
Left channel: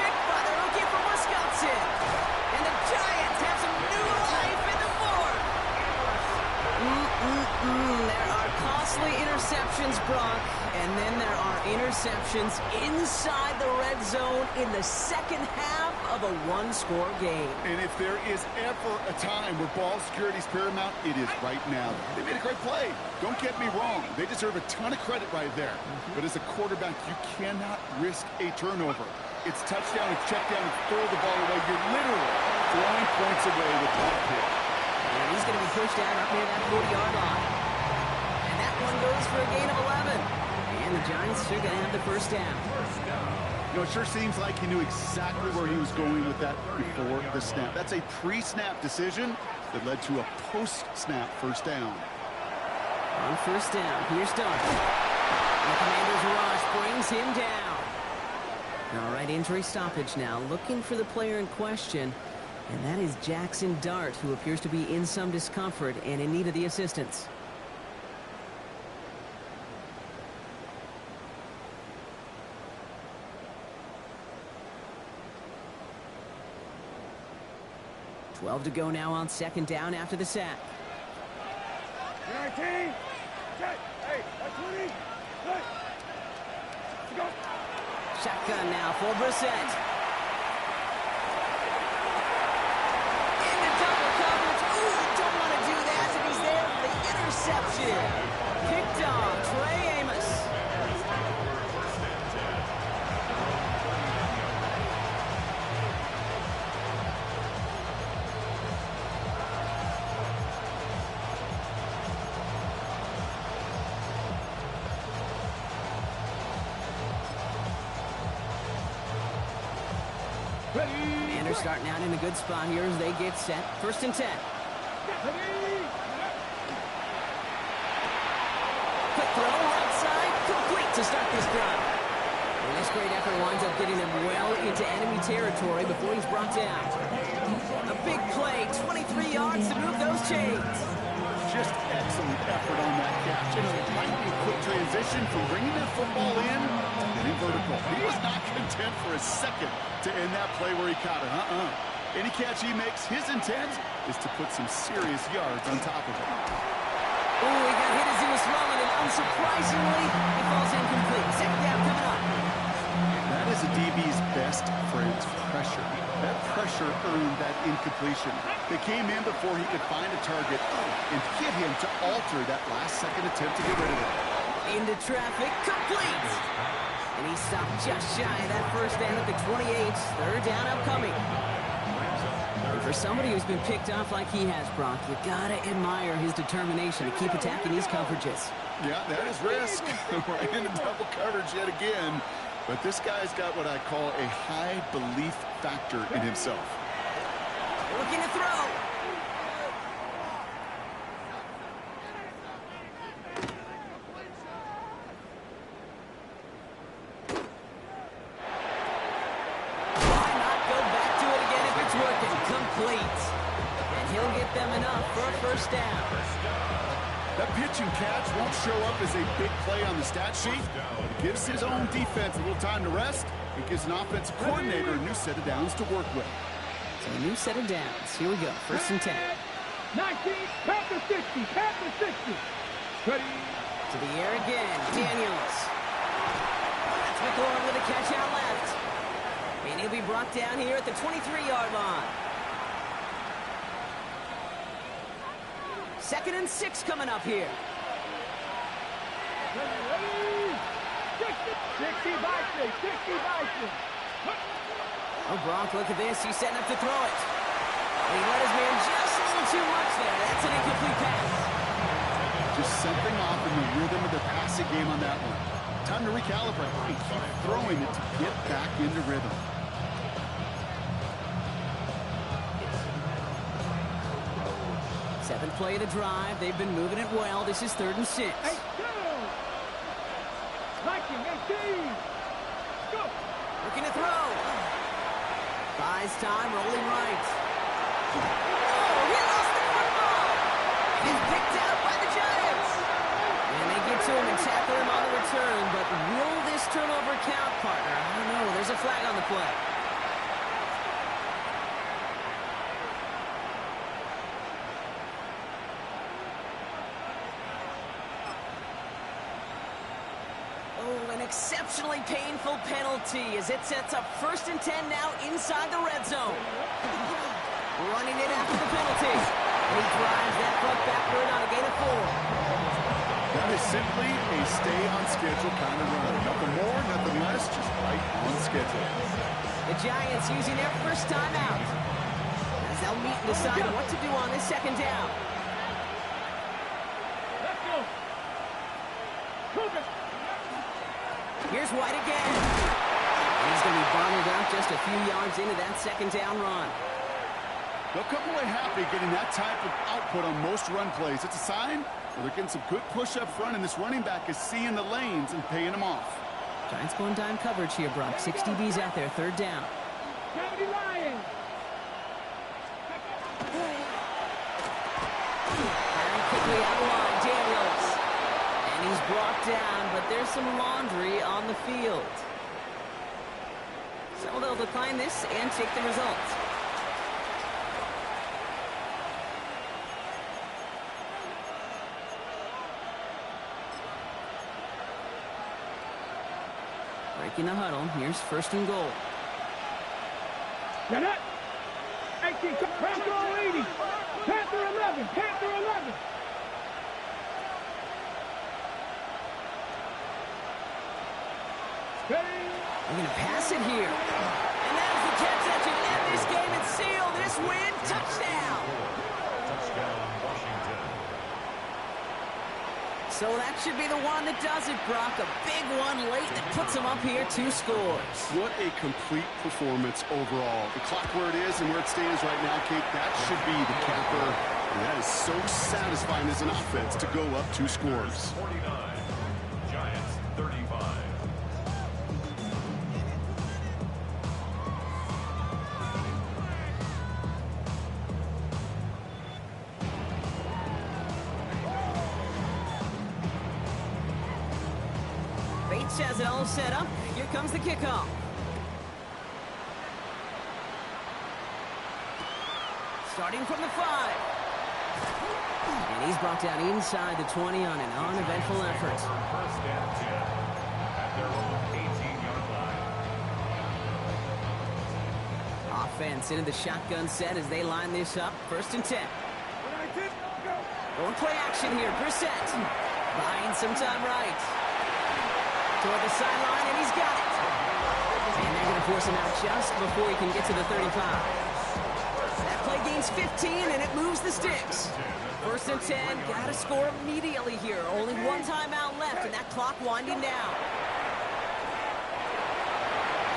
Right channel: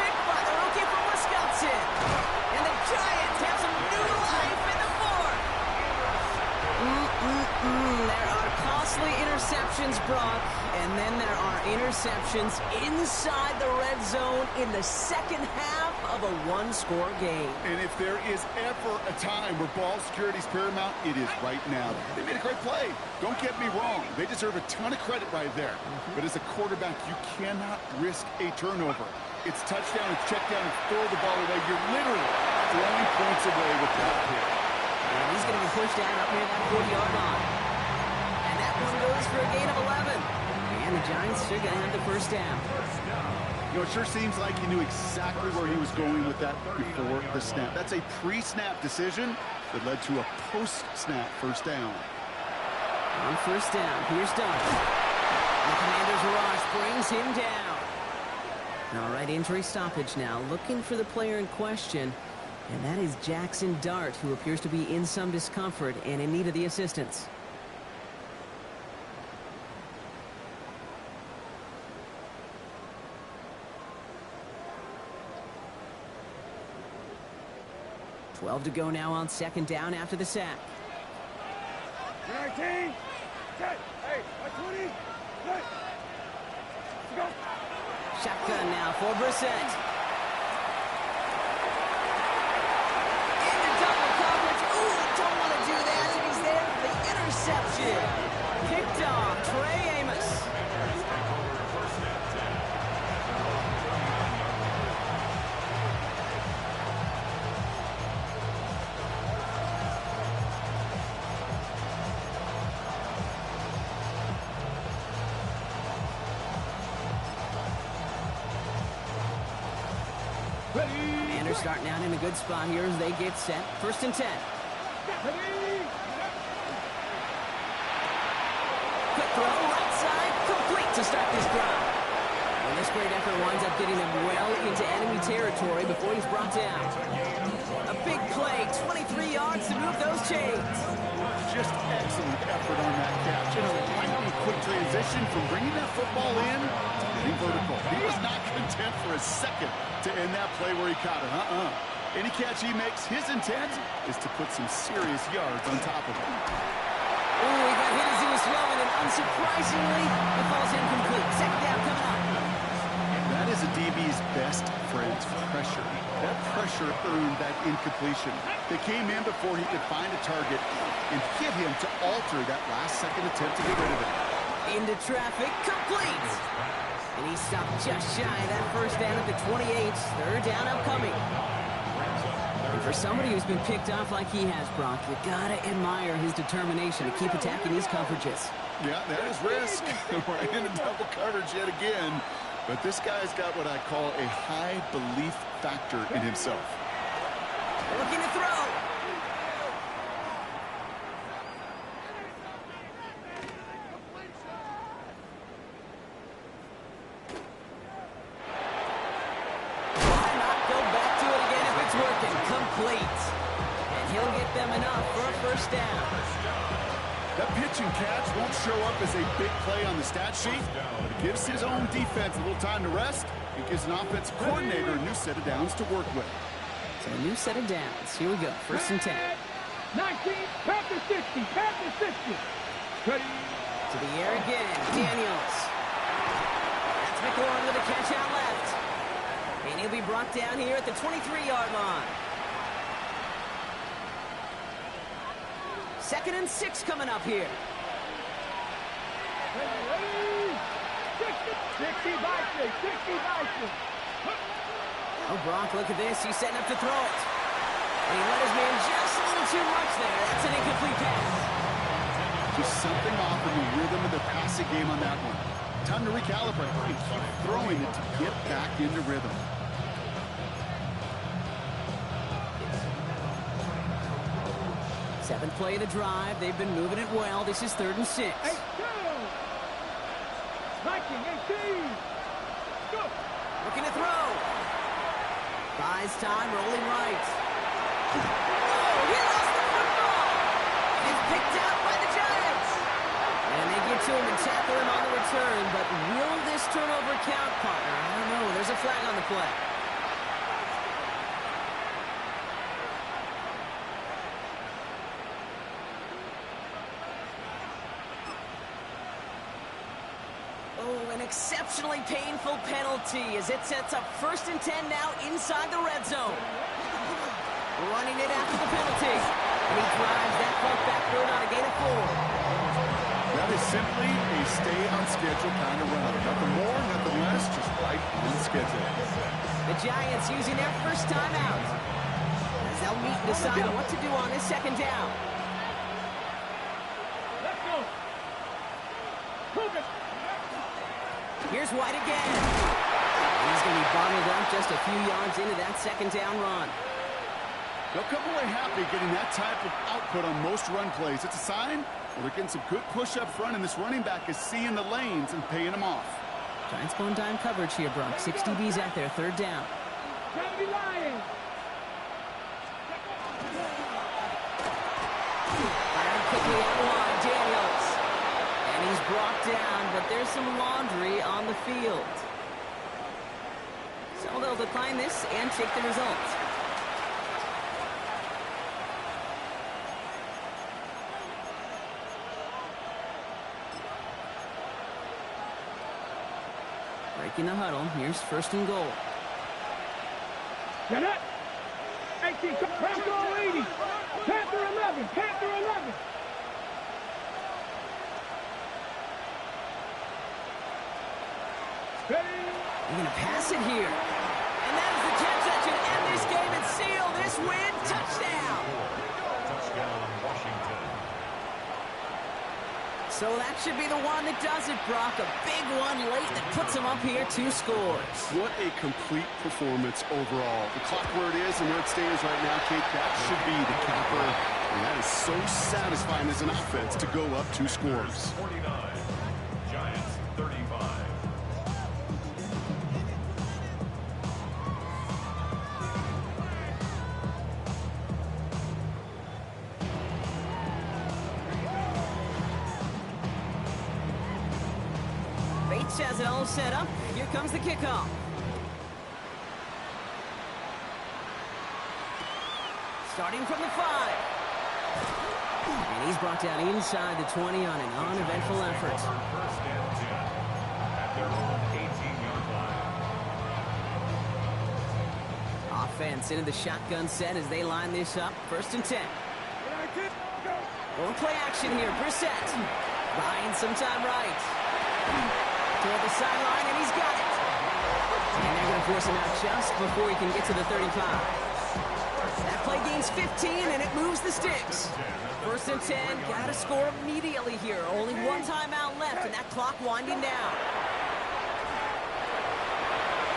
Picked by the rookie from Wisconsin. And the Giants have some new life in the fourth. There are costly interceptions, Brock, and then there are interceptions inside the red zone in the second half of a one-score game. And if there is ever a time where ball security is paramount, it is right now. They made a great play. Don't get me wrong. They deserve a ton of credit right there. But as a quarterback, you cannot risk a turnover. It's touchdown, it's check down, it's throw the ball away. You're literally throwing points away with that pick. And he's going to be pushed down up near that 40-yard line. And that one goes for a gain of 11. And the Giants are going to have the first down. You know, it sure seems like he knew exactly where he was going with that before the snap. That's a pre-snap decision that led to a post-snap first down. On first down, here's Dart. And the Commander's rush brings him down. All right, injury stoppage now. Looking for the player in question. And that is Jackson Dart, who appears to be in some discomfort and in need of the assistance. .12 to go now on second down after the sack. 19. Check. Hey, 20. Good. Let's go. Shotgun now for Brissett. Into double coverage. Ooh, don't want to do that. And he's there for the interception. Picked off Trey Amos. Commanders starting out in a good spot here as they get set. First and 10. Quick throw, right side, complete to start this drive. And this great effort winds up getting them well into enemy territory before he's brought down. A big play, 23 yards to move those chains. Just excellent effort on that catch. And a lightning quick transition from bringing that football in to getting vertical. He was not content for a second to end that play where he caught it. Any catch he makes, his intent is to put some serious yards on top of it. Ooh, he got hit as he was throwing, and unsurprisingly, it falls incomplete. Second down coming up. That is a DB's best friend, pressure. That pressure earned that incompletion. They came in before he could find a target and get him to alter that last-second attempt to get rid of it. Into traffic, complete. And he stopped just shy of that first down at the 28. Third down upcoming. And for somebody who's been picked off like he has, Brock, you gotta admire his determination to keep attacking these coverages. Yeah, that is risk. Right into double coverage yet again. But this guy's got what I call a high belief factor in himself. Looking to throw. Why not go back to it again if it's working? Complete. And he'll get them coming up for a first down. That pitch and catch won't show up as a big play on the stat sheet, but it gives his own defense a little time to rest. It gives an offensive coordinator a new set of downs to work with. So a new set of downs. Here we go. First and 10. 19, Panther 60, Panther 60. Ready. To the air again. Daniels. That's McLaurin with a catch out left. And he'll be brought down here at the 23-yard line. 2nd and 6 coming up here. Ready. 60 by 6, 60 by 6. Oh, Brock, look at this. He's setting up to throw it. But he let his man just a little too much there. That's an incomplete pass. Just something off in the rhythm of the passing game on that one. Time to recalibrate and keep throwing it to get back into rhythm. Seventh play of the drive. They've been moving it well. This is 3rd and 6. 8, 2. 19, 18. Go. Looking to throw. Buys time, rolling right. Oh, he lost the football. And it's picked out by the Giants. And they get to him and tackle him on the return. But will this turnover count, partner? I don't know. There's a flag on the play. An exceptionally painful penalty as it sets up 1st and 10 now inside the red zone. Running it after the penalty. And he drives that puck backward on a gain of 4. That is simply a stay on schedule kind of run. Nothing more, nothing less, just right on schedule. The Giants using their first timeout as they'll meet and decide what to do on this 2nd down. Let's go. Cougar. Here's White again. And he's going to be bottled out just a few yards into that 2nd down run. They'll come away happy getting that type of output on most run plays. It's a sign, well, they're getting some good push up front, and this running back is seeing the lanes and paying them off. Giants going dime coverage here, Brock. 6 DBs out there, 3rd down. 70 Lions. Firing quickly out of line, Daniels. And he's brought down, but there's some laundry on the field. So they'll decline this and take the result. Breaking the huddle. Here's 1st and goal. Get it. 18, Panther 80. Panther 11, Panther 11. They're going to pass it here. And that is the catch that should end this game and seal this win. Touchdown. Touchdown, Washington. So that should be the one that does it, Brock. A big one late that puts them up here 2 scores. What a complete performance overall. The clock where it is and where it stands right now, Kate, that should be the capper. And that is so satisfying as an offense to go up 2 scores. 49, Giants 35. Bates has it all set up. Here comes the kickoff. Starting from the 5. And he's brought down inside the 20 on an uneventful effort. 1st and 10 at their own 18-yard line. Offense into the shotgun set as they line this up. 1st and 10. Going play action here. Brissett buying some time right. Toward the sideline, and he's got it. And they're going to force him out just before he can get to the 35. That play gains 15, and it moves the sticks. 1st and 10, got to score immediately here. Only one timeout left, and that clock winding down.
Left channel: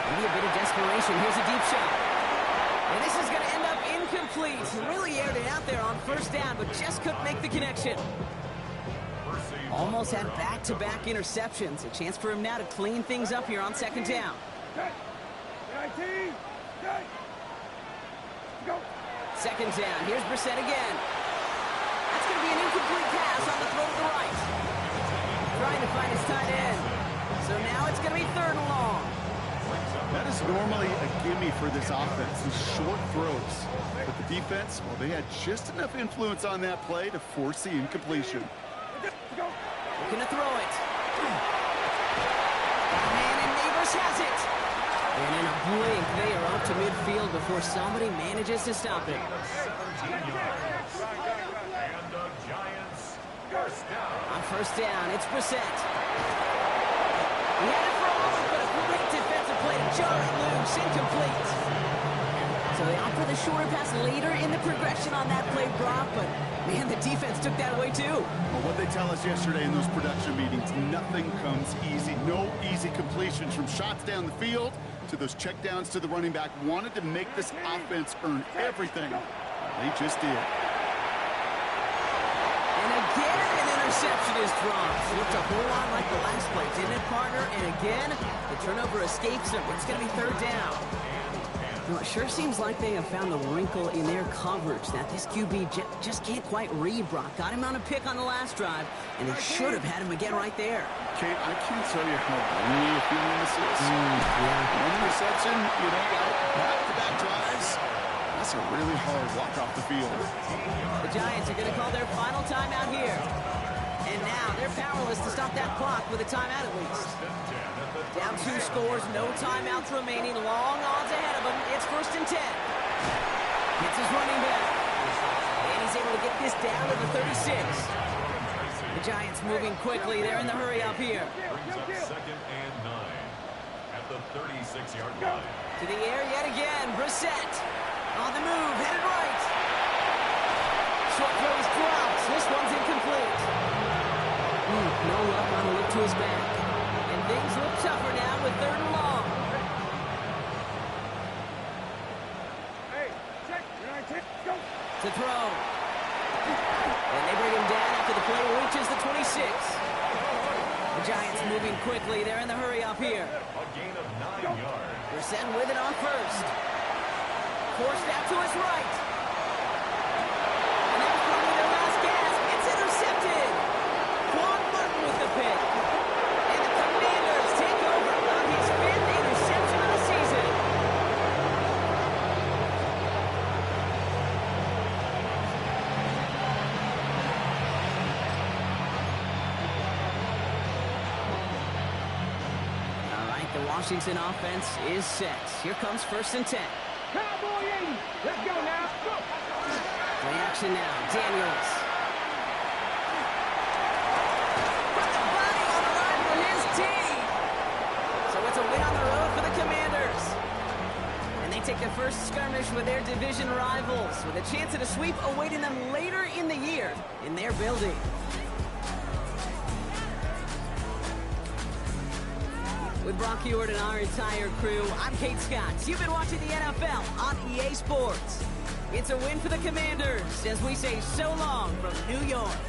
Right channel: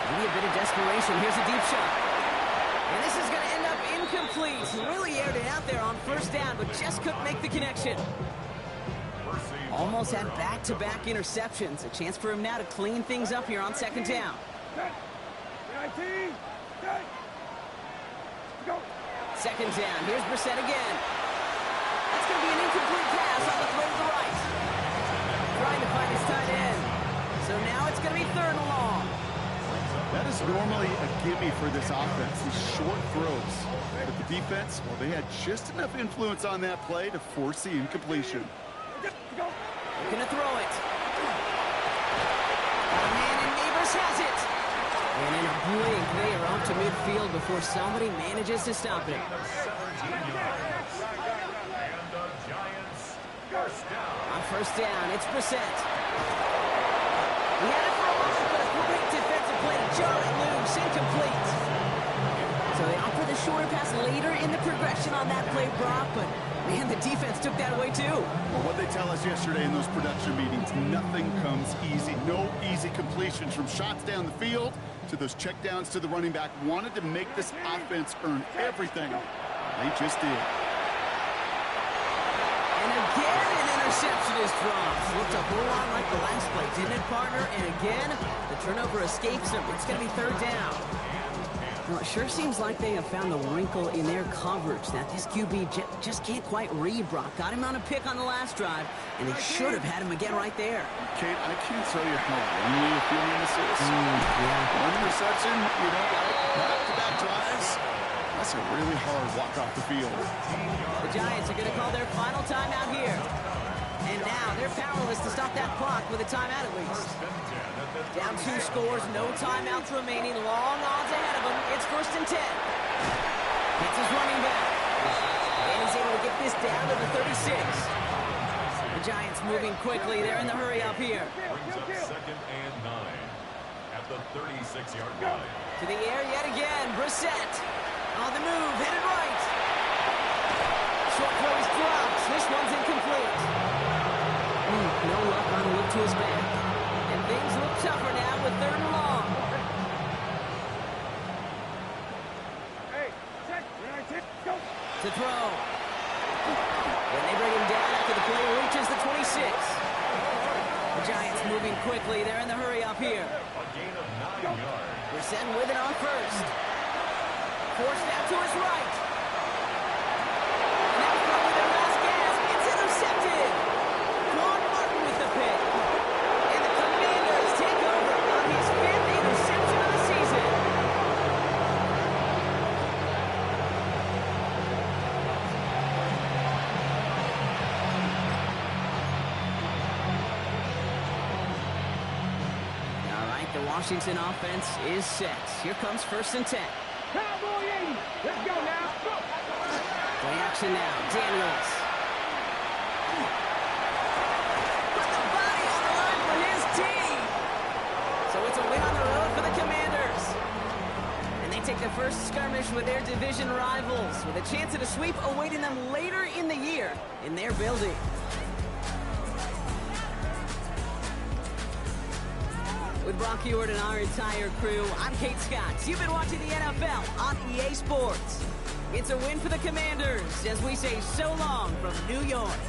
Maybe a bit of desperation. Here's a deep shot. And this is going to end up incomplete. He really aired it out there on 1st down, but just couldn't make the connection. Almost had back-to-back interceptions. A chance for him now to clean things up here on 2nd down. 2nd down. Here's Brissett again. going to be an incomplete pass on the throw to the right. Trying to find his tight end. So now it's going to be 3rd and long. That is normally a gimme for this offense, these short throws. But the defense, well, they had just enough influence on that play to force the incompletion. Looking to throw it. Got a man, and Neighbors has it. And in a blink, they are up to midfield before somebody manages to stop it. 17 yards. And the Giants first down. On 1st down, it's Brissett. He had it for a moment, but a great defensive play to jar it loose, incomplete. So they opt for the shorter pass later in the progression on that play, Brock, but man, the defense took that away too. Well, what they tell us yesterday in those production meetings, nothing comes easy. No easy completions from shots down the field to those checkdowns to the running back. Wanted to make this offense earn everything. They just did. And again, an interception is dropped. Looked a whole lot like the last play, didn't it, partner? And again, the turnover escapes them. It's going to be 3rd down. Well, it sure seems like they have found the wrinkle in their coverage that this QB just can't quite read, Brock. Got him on a pick on the last drive, and they should have had him again right there. Kate, I can't tell you how lonely a feeling this is. Yeah. One reception, back-to-back drives. That's a really hard walk off the field. The Giants are going to call their final timeout here. And now they're powerless to stop that clock with a timeout at least. Down 2 scores, no timeouts remaining, long odds ahead of him. It's 1st and 10. Gets his running back. And he's able to get this down to the 36. The Giants moving quickly. They're in the hurry up here. Brings up 2nd and 9 at the 36-yard line. To the air yet again. Brissett on the move, headed right. Short throw is dropped. This one's incomplete. No luck on a look to his back. And things look tougher now with 3rd and long. Hey, check. Go. To throw. And they bring him down after the play reaches the 26. The Giants moving quickly. They're in the hurry up here. A gain of 9 yards. Brissett with it on 1st. Forced out to his right. And that was probably their last gasp. It's intercepted. Quan Martin with the pick. And the Commanders take over on his 5th interception of the season. All right, the Washington offense is set. Here comes 1st and 10. Cowboy 80. Let's go now. Go. Play action now. Daniels. Put the body on the line for his team. So it's a win on the road for the Commanders. And they take their first skirmish with their division rivals with a chance at a sweep awaiting them later in the year in their building. With Brock Ewart and our entire crew, I'm Kate Scott. You've been watching the NFL on EA Sports. It's a win for the Commanders as we say so long from New York.